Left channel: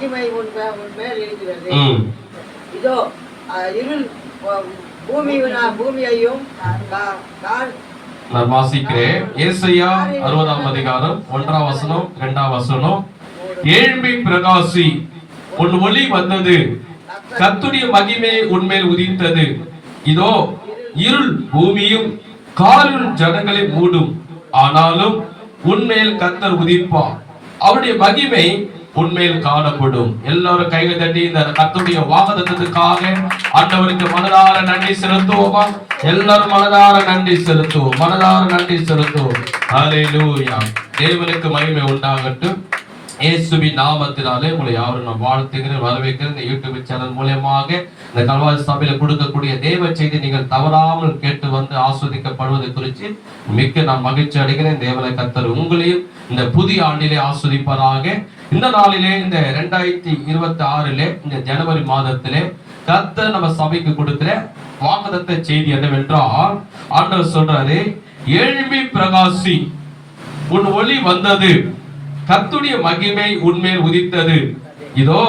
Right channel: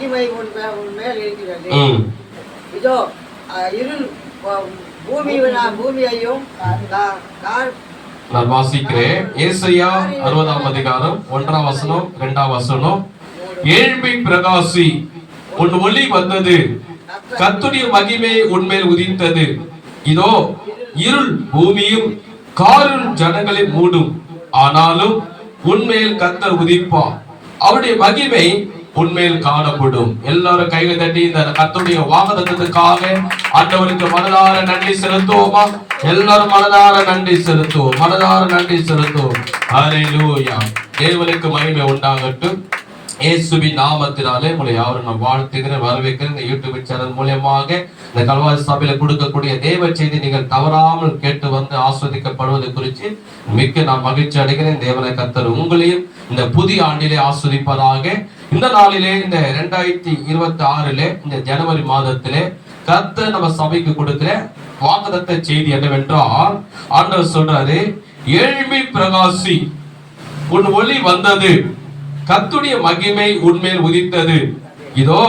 மேல் இருக்கிறது. இதோ இருள் பூமியையும் நான் வாசிக்கிறேன். ஏசாயா 60ஆம் அதிகாரம் 1ஆம் வசனம் 2ஆம் வசனம். ஏழ்மை பிரகாசி, உன் ஒளி வந்தது, கர்த்தருடைய மகிமை உன்மேல் உதித்தது. இதோ இருள் பூமியும் காரிருள் ஜனங்களை மூடும், ஆனாலும் உன்மேல் கர்த்தர் உதிப்பார், அவருடைய மகிமை உண்மையில் காணப்படும். எல்லாரும் கைகள் தட்டி இந்த கர்த்தருடைய வாக்குத்தத்தத்துக்காக ஆண்டவருக்கு மனதார நன்றி செலுத்துவோமா? எல்லாரும் மனதார நன்றி செலுத்துவோம், மனதார நன்றி செலுத்துவோம். ஹல்லேலூயா. தேவனுக்கு மகிமை உண்டாகட்டும். இயேசுவின் நாமத்தினாலே உங்களை யாரும் நான் வாழ்த்துகிறேன், வரவேற்கிறேன். இந்த யூடியூப் சேனல் மூலமாக இந்த கல்வாரி சபையில கொடுக்கக்கூடிய தேவ செய்தி நீங்கள் தவறாமல் கேட்டு வந்து ஆஸ்வதிக்கப்படுவது குறித்து மிக்க நான் மகிழ்ச்சி அடைகிறேன். தேவனை கர்த்தர் உங்களையும் இந்த புதிய ஆண்டிலே ஆஸ்வதிப்பதாக. இந்த நாளிலே, இந்த 2026 இந்த ஜனவரி மாதத்திலே கர்த்தர் நம்ம சபைக்கு கொடுக்கிற வாக்குத்தத்த செய்தி என்னவென்றால், ஆண்டவர் சொல்றாரு, ஏழ்மை பிரகாசி, உன் ஒளி வந்தது, கர்த்தருடைய மகிமை உன்மேல் உதித்தது. இதோ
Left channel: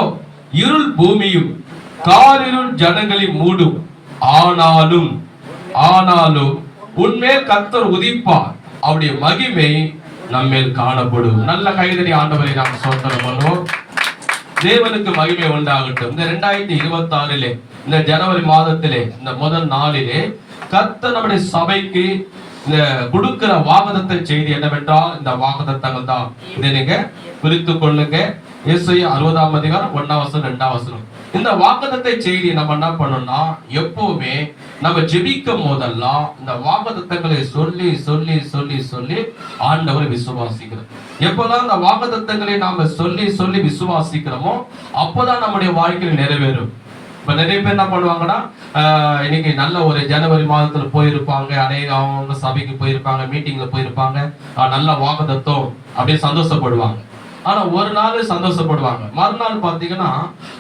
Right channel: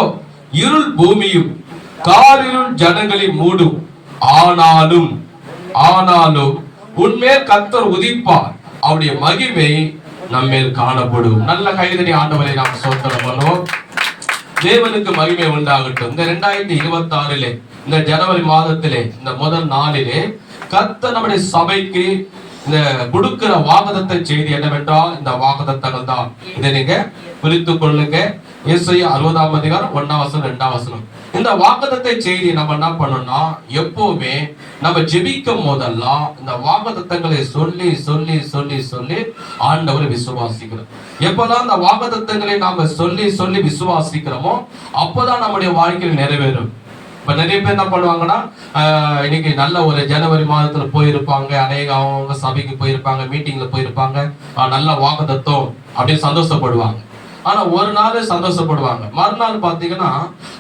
இருள் பூமியும் காரிருள் ஜனங்களை மூடும், ஆனாலும் உன்மேல் கர்த்தர் உதிப்பார், அவருடைய மகிமை நம்மேல் காணப்படும். நல்ல கைதடி ஆண்டவரை நாம் சோதனை பண்ணுவோம். தேவனுக்கு மகிமை உண்டாகட்டும். இந்த 2026 இந்த ஜனவரி மாதத்திலே இந்த முதல் நாளிலே கர்த்தர் நம்முடைய சபைக்கு இந்த கொடுக்கிற வாக்குத்தத்த செய்தி என்னவென்றால், இந்த வாக்குத்தத்தங்கள் தான். இதை நீங்க குறித்துக் கொள்ளுங்க. ஏசாயா 60ஆம் அதிகாரம் 1ஆம் வசனம் 2ஆம் வசனம். இந்த வாக்குத்தத்த செய்தி நம்ம என்ன பண்ணணும்னா, எப்பவுமே நம்ம ஜெபிக்கும் போதெல்லாம் இந்த வாக்குத்தத்தங்களை சொல்லி சொல்லி சொல்லி சொல்லி ஆண்டவரை விசுவாசிக்கிறோம். எப்பதான் இந்த வாக்குத்தத்தங்களை நாம சொல்லி சொல்லி விசுவாசிக்கிறோமோ அப்பதான் நம்முடைய வாழ்க்கையில் நிறைவேறும். இப்ப நிறைய பேர் என்ன பண்ணுவாங்கன்னா, இன்னைக்கு நல்ல ஒரு ஜனவரி மாதத்துல போயிருப்பாங்க, அவங்க சபைக்கு போயிருப்பாங்க, மீட்டிங்ல போயிருப்பாங்க, நல்ல வாக்குத்தத்தம் அப்படின்னு சந்தோஷப்படுவாங்க. ஆனா ஒரு நாள் சந்தோஷப்படுவாங்க, மறுநாள் பாத்தீங்கன்னா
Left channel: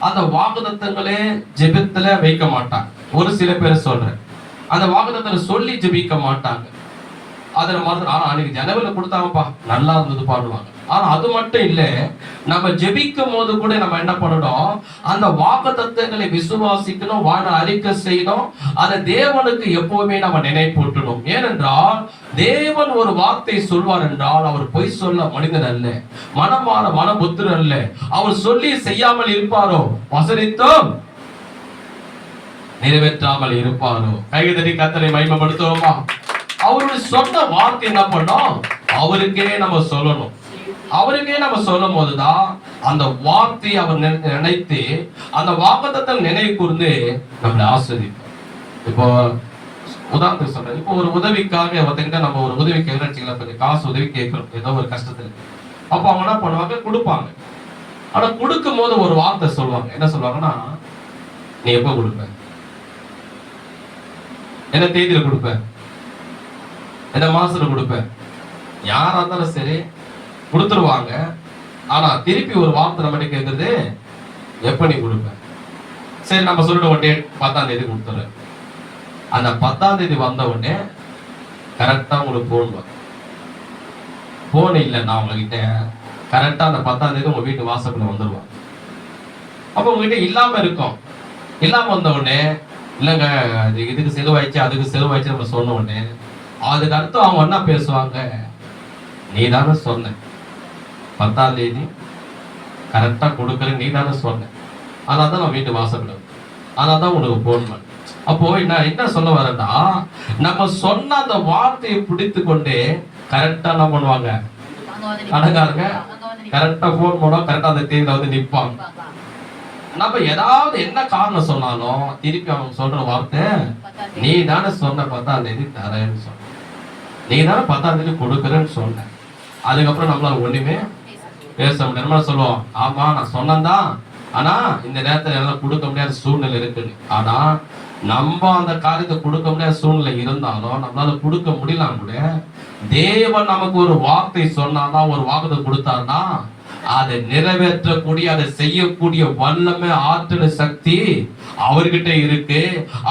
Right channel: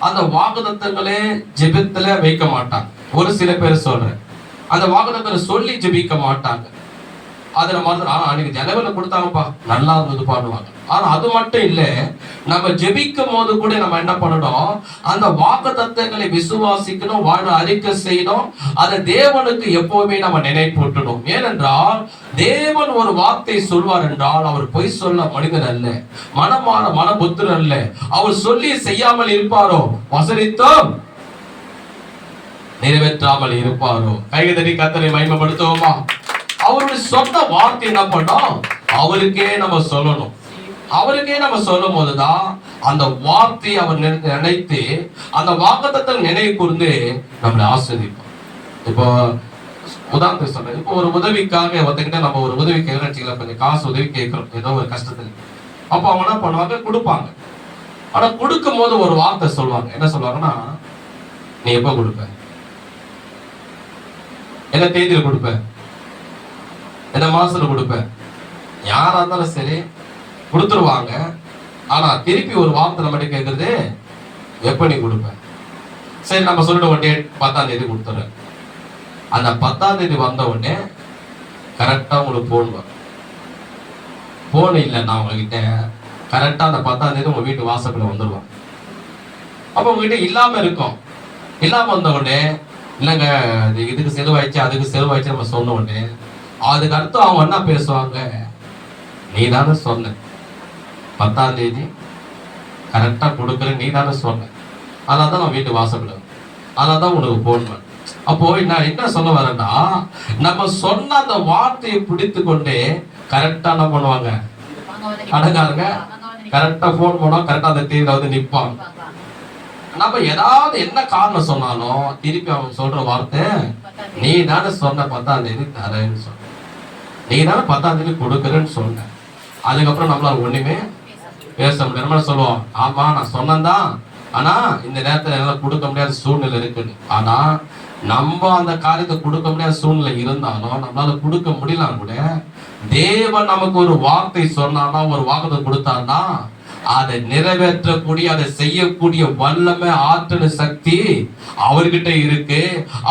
அந்த வாக்குத்தத்தங்களே ஜெபத்துல வைக்க மாட்டாங்க. ஒரு சில பேர் சொல்றேன், அந்த வாக்குத்தத்தங்களை சொல்லி ஜெபிக்க மாட்டாங்க. அதுல மாதிரி அன்னைக்கு ஜனவரில கொடுத்தாங்கப்பா, நல்லா இருந்தது பாடுவாங்க. ஆனா அது மட்டும் இல்ல, நம்ம ஜெபிக்கும் போது கூட நம்ம என்ன பண்ணணும், அந்த வாக்குத்தத்தங்களை விசுவாசிக்கணும், வாழ அறிக்கை செய்யணும். அதை தேவனுக்கு எப்பவுமே நம்ம நினைப்பூட்டணும். ஏனென்றால் தேவன் ஒரு வார்த்தை சொல்வார் என்றால் அவர் பொய் சொல்ல மனிதன் அல்ல, மனபுத்திரன் அல்ல. அவர் சொல்லி செய்யாமல் இருப்பாரோ, வசனித்தோம் நிறைவேற்றாமல் இருப்பாரோ. கைதடி கர்த்தரை மகிமைப்படுத்துவோமா? அவருடைய சொன்ன வார்த்தை என்ன பண்ணோம், அவருக்கே நம்ம சொல்லணும். அவருக்கே நம்ம சொல்லும் போதுதான் அந்த வார்த்தையை அவர் நினைத்து அந்த வாக்குத்தத்தத்தை நினைவு கூர்ந்து நம்மளை ஆஸ்வதிப்போம். இப்போ உதாரணத்துக்கு சொல்றேன், இப்போ ஒரு உதவிக்காக ஒருத்தங்கிட்ட நம்ம ஒரு உதவி கேட்கறோம், கொஞ்சம் காசு உதவி கேட்கிறோம் ஏதோ ஒரு கஷ்டத்துல. அப்போ அவங்க என்ன பண்ணுவாங்க, கொடுப்பாங்க. ஆனா கொடுக்கும் போது ஒரு வார்த்தை சொல்லுவாங்க. என்ன சொல்லுவாங்கன்னா, நீ எப்ப கொடுப்ப, என்ன தேதியில கொடுப்ப, என்ன மாசத்துல கொடுப்ப, யாரா இருந்தாலும் சரி கொடுத்துருவாங்க. ஆனா திருப்பி ஒரு வார்த்தை நம்ம கேட்கறது, எப்ப நீ கொடுப்ப. சரி நம்ம சொல்லிட்ட உடனே 10ஆம் தேதி கொடுத்துறேன். அந்த 10ஆம் தேதி வந்த உடனே கரெக்டா உங்களுக்கு போன் வரும். போன் இல்லைன்னா உங்ககிட்ட கரெக்டா அந்த 10ஆம் தேதி உங்க வீட்டு வாசல்ல வந்துருவாங்க. அப்ப உங்ககிட்ட இல்லாம இருக்கும். இல்லாம வந்த உடனே, இல்லைங்க இதுக்கு செலவாயிடுச்சு அதுக்கு செலவாயிடுச்சு நம்ம சொன்ன உடனே அதுக்கு அடுத்து அவங்க என்ன பேசுவாங்க, நீ தானே சொன்ன 10ஆம் தேதி கரெக்டா கொடுக்குற, நீ தானே சொன்ன, அதான் நான் வீட்டு வாசல்ல, அதான் தான் உனக்கு போன் பண்ண. அப்போ நான் என்ன சொல்ல வரேன்னா, நம்ம சொன்ன அந்த வார்த்தையை பிடித்து கொண்டே கரெக்டா என்ன பண்ணுவாங்க, கடைக்காரங்க கரெக்டா போன் பண்ணுவாங்க, கரெக்டா அந்த தேதியில வந்து நிற்பாங்க. நம்ம ஏதாவது என்ன காரணம் சொன்னாலும் திருப்பி அவங்க சொல்ற வார்த்தை, நீ தானே சொன்ன 10ஆம் தேதி தரேன்னு சொன்ன, நீ தானே 10ஆம் தேதி கொடுக்குறேன்னு சொன்ன. அதுக்கப்புறம் நம்மளால ஒண்ணுமே பேச முடியாது. நம்ம சொல்லுவோம், ஆமா நான் சொன்னதான், ஆனா இந்த நேரத்துல என்னால கொடுக்க முடியாத சூழ்நிலை இருக்குன்னு. ஆனா நம்ம அந்த காரியத்தை கொடுக்க முடியாத சூழ்நிலை இருந்தாலும் நம்மளால கொடுக்க முடியலாம் கூட, தேவன் நமக்கு ஒரு வார்த்தை சொன்னானா, ஒரு வாக்குத்தை கொடுத்தான்னா, அதை நிறைவேற்றக்கூடிய, அதை செய்யக்கூடிய வல்லமை, ஆற்றல், சக்தி அவர்கிட்ட இருக்கு.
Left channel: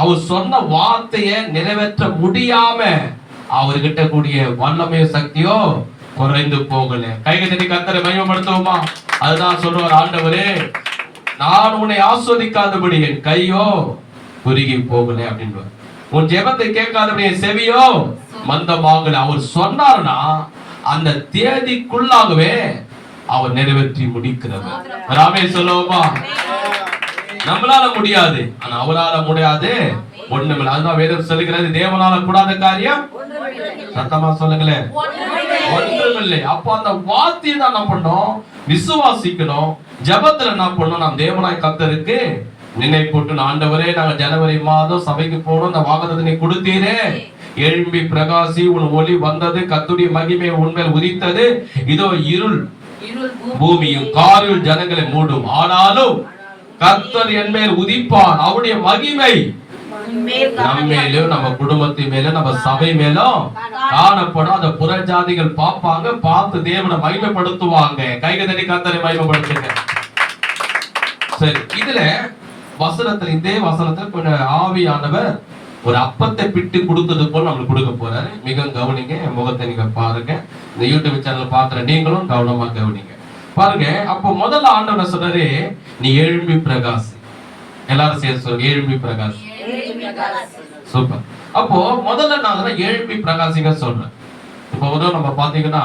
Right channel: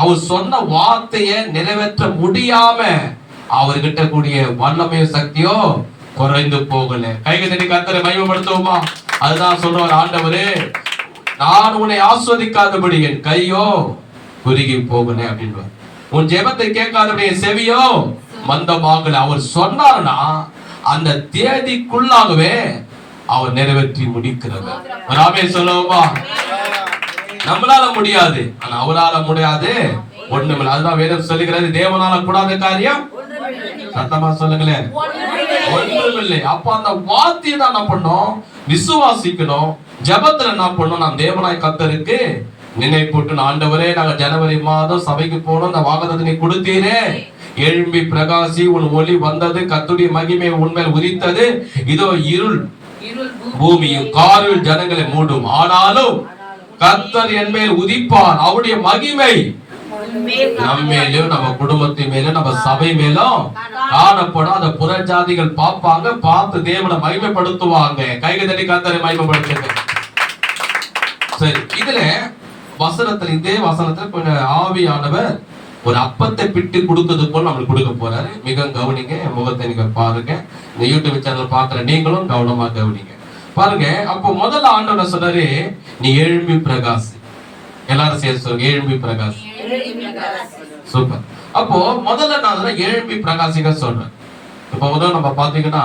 அவர் சொன்ன வார்த்தையை நிறைவேற்ற முடியாம அவர்கிட்ட கூடிய வல்லமையோ சக்தியோ குறைந்து போகல. கைகளை கர்த்தரை மகிமைப்படுத்துவோமா? அதுதான் சொல்றார் ஆண்டவரே, நான் உன்னை ஆஸ்வதிக்காதபடி என் கையோ குறுகி போகல அப்படின்னு. உன் ஜெபத்தை கேட்காதபடி என் செவியோ மந்தமாகல. அவர் சொன்னார்னா அந்த தேதிக்குள்ளாகவே அவர் நிறைவேற்றி முடிக்கிறவர். ராமே சொல்லுவோமா? நம்மளால முடியாது, ஆனா அவரால முடியாது ஒண்ணுமில்லை. அதுதான் வேதம் சொல்லுகிறது, தேவனால கூடாத காரியம் சத்தமா சொல்லுங்களேன் ஒன்றுமில்லை. அப்ப அந்த வார்த்தையை தான் என்ன பண்ணோம்? விசுவாசிக்கணும். ஜெபத்துல என்ன பண்ணோம்? நாம் தேவனாய் கர்த்தருக்கு நினைப்பூட்டு, ஆண்டவரே நாங்க ஜனவரி மாதம் சபைக்கு போனோம், அந்த வாக்குத்தத்தத்தை நீ கொடுத்தீரே, எழும்பி பிரகாசி, உன் ஒளி வந்தது, கர்த்தருடைய மகிமை உன்மேல் உதித்தது, இதோ இருள் பூமியும் காரில் ஜனங்களை மூடும், ஆனாலும் கர்த்தர் என் மேல் உதிப்பார், அவருடைய மகிமை நம்மேலும் நம்ம குடும்பத்தின் மேலும் நம்ம சபை மேலும் காணப்படும். அந்த புறஜாதிகள் பார்ப்பாங்க, பார்த்து தேவனை மகிமைப்படுத்துவாங்க. கைகள் தட்டி கர்த்தரை மகிமைப்படுத்துங்க. சரி, இதுல வசனத்துல, இதே வசனத்துல கொஞ்சம் ஆவியானவர் ஒரு அப்பத்தை பிட்டு கொடுத்தது போல நம்மளுக்கு கொடுக்க போறாரு. மிக கவனிங்க, என் முகத்தை நீங்க பாருங்க. இந்த யூடியூப் சேனல் பாக்குற நீங்களும் கவனமா கவனிங்க. பாருங்க, அப்போ முதல்ல ஆண்டவர் சொல்றாரு, நீ எழும்பி பிரகாசி. எல்லாரும் சேர்த்து சொல்லுங்க, எழும்பி பிரகாசி. சூப்பர். அப்போ முதல்ல நான் எழும்பி பிரகாசிக்க சொல்றேன். இப்போ நம்ம பாத்தீங்கன்னா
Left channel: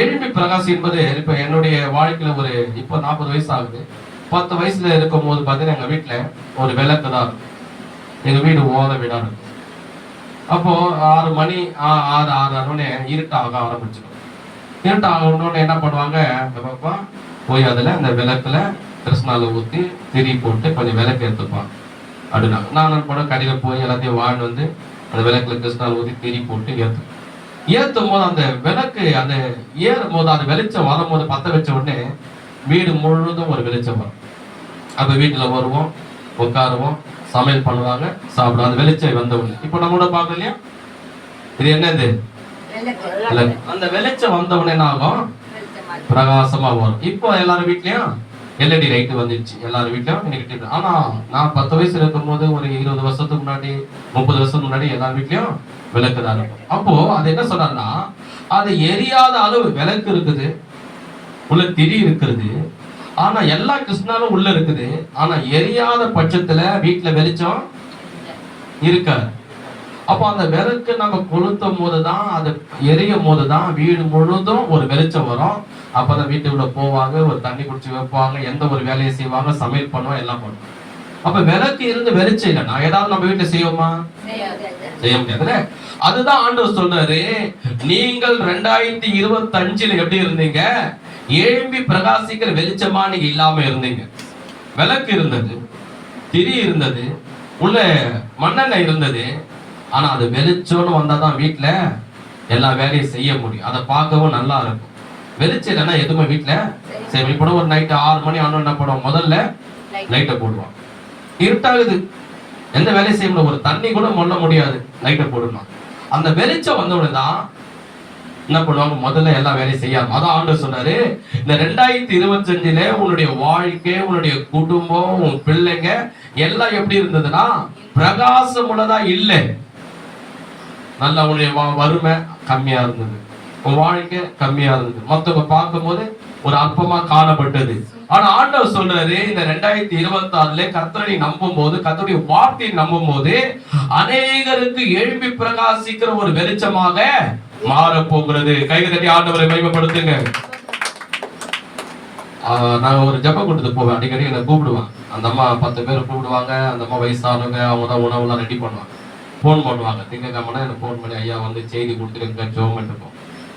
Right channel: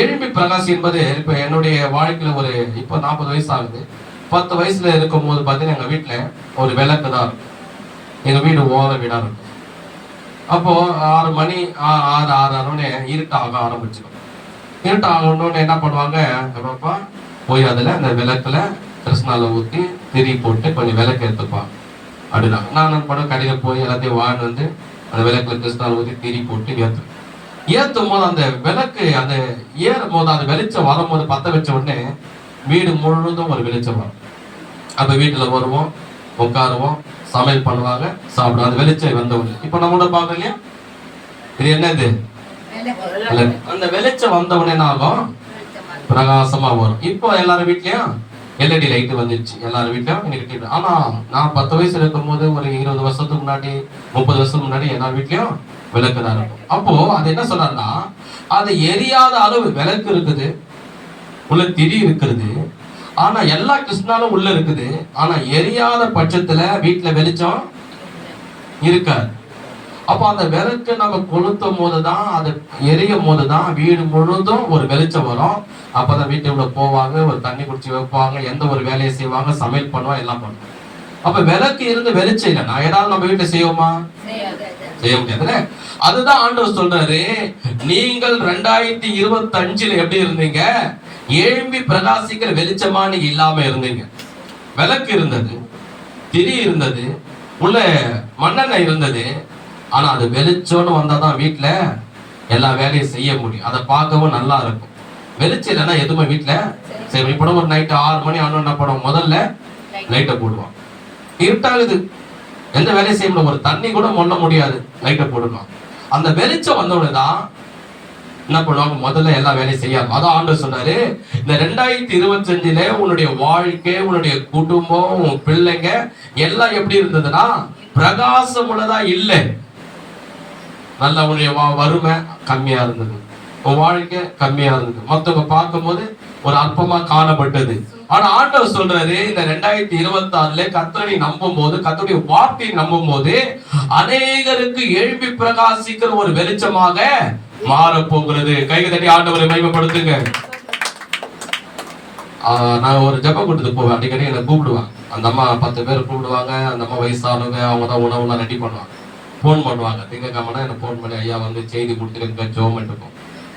எழும்பி பிரகாசி என்பது, இப்ப என்னுடைய வாழ்க்கையில ஒரு இப்போ 40 வயசு ஆகுது. 10 வயசுல இருக்கும் போது பாத்தீங்கன்னா எங்க வீட்டுல ஒரு விளக்கு தான் இருக்கும். எங்க வீடு ஓர வீடா இருக்கும். அப்போ 6 மணி 6:30 இருட்டாக ஆரம்பிச்சிடும். இருட்டு ஆகணும்னு என்ன பண்ணுவாங்க, பாப்பா போய் அதுல அந்த விளக்குல கிருஷ்ணால ஊத்தி திரி போட்டு கொஞ்சம் விளக்கு எடுத்துப்பாங்க அப்படின்னா. நான் என்ன பண்ண, கடையில போய் எல்லாத்தையும் வாங்கிட்டு வந்து அந்த விளக்குல கிருஷ்ணால ஊத்தி திரி போட்டு ஏத்தும் போது அந்த விளக்கு அந்த ஏறும் போது அந்த வெளிச்சம் வரும்போது, பத்த வச்ச உடனே வீடு முழுவதும் ஒரு வெளிச்சம் வரும். அப்ப வீட்டுல வருவோம், உட்காருவோம், சமையல் பண்ணுவாங்க, சாப்பிடுவோம். அந்த வெளிச்சம் வந்த உடனே இப்போ நம்மளோட பாக்க இல்லையா, இது என்னது? அந்த வெளிச்சம் வந்த உடனே என்ன ஆகும்? பிரகாசமா வரும். இப்போ எல்லாரும் வீட்லயும் எல்இடி லைட் வந்துருச்சு, எல்லாரும் வீட்லயும் இன்னைக்கு. ஆனா நான் 10 வயசுல இருக்கும் போது, ஒரு 20 வருஷத்துக்கு முன்னாடி, 30 வருஷத்துக்கு முன்னாடி எல்லா வீட்லயும் விளக்கு தான் இருக்கும். அப்போ அது என்ன சொன்னார்னா, அது எரியாத அளவு விளக்கு இருக்குது, உள்ள திரி இருக்குது, ஆனா எல்லா கிருஷ்ணாலும் உள்ள இருக்குது. ஆனா எரியாத பட்சத்துல வீட்டுல வெளிச்சம் இருக்காது. அப்போ அந்த விளக்கு நம்ம கொளுத்தும் போதுதான், அது எரியும் போதுதான் வீடு முழுதும் ஒரு வெளிச்சம் வரும். அப்பதான் வீட்டுக்குள்ள போவாங்க, ஒரு தண்ணி குடிச்சு வைப்பாங்க, எந்த ஒரு வேலையை செய்வாங்க, சமையல் பண்ணுவாங்க, எல்லாம் பண்ணுவாங்க. அப்ப விளக்கு இருந்து வெளிச்சம் இல்லை, நான் ஏதாவது நம்ம வீட்டுல செய்வோமா? செய்ய முடியாதுல்ல. அதுதான் ஆண்டவர் சொல்றாரு, நீங்கள் 2025 எப்படி இருந்தீங்க? எழும்பி பிரகாசிக்கிற வெளிச்சமா நீங்க இல்லாம இருந்தீங்க. விளக்கு இருந்தது, திரி இருந்தது, உள்ள மண்ணெண்ணெய் இருந்தது. ஆனா அது வெளிச்சம்னு வந்தாதான் வீட்டுல எல்லா வேலையும் செய்ய முடியும், அதை பார்க்கவும் நல்லா இருக்கும். வெளிச்சம் இல்லைன்னா எதுவுமே வீட்டுல சரி. இப்போ ஒரு நைட்டு 6 மணி ஆனோம் என்ன பண்ணுவோம்? முதல்ல லைட்டை போடுவான். இருட்டாகுது, எந்த வேலையும் செய்ய முடியும், ஒரு தண்ணி கூட மொள்ள முடியாது, லைட்டை போடணும். அந்த வெளிச்சம் வந்தவுடனேதான் என்ன பண்ணுவாங்க? முதல்ல எல்லா வேலையும் செய்யாம. அதான் ஆண்டவர் சொன்னாரு, இந்த 2025 உன்னுடைய வாழ்க்கை, உன்னுடைய குடும்பம், உன் பிள்ளைங்க எல்லாம் எப்படி இருந்ததுன்னா பிரகாசம் உள்ளதா இல்லை. நல்ல உன்னுடைய வறுமை கம்மியா இருந்தது, உன் வாழ்க்கை கம்மியா இருந்தது, மத்தவங்க பார்க்கும் போது ஒரு அற்பமா காணப்பட்டது. ஆனா ஆண்டவர் சொல்றாரு, இந்த 2026 கர்த்தரை நம்பும் போது, கர்த்தருடைய வார்த்தையை நம்பும் போது அநேகருக்கு எழுப்பி பிரகாசிக்கிற ஒரு வெளிச்சமாக மாற போகிறது. கைகள் தட்டி ஆண்டவரை மகிமைப்படுத்துங்க. நான் ஒரு ஜெப கூட்டத்துக்கு போவேன், அடிக்கடி என்னை கூப்பிடுவாங்க. அந்த அம்மா 10 பேர் கூப்பிடுவாங்க. அந்த அம்மா வயசானவங்க, அவங்க தான் உணவுலாம் ரெடி பண்ணுவாங்க. ஃபோன் பண்ணுவாங்க, திங்கக்கிழமை எனக்கு ஃபோன் பண்ணி, ஐயா வந்து செய்தி கொடுத்துட்டு எங்க ஜெபம் பண்ணிட்டு.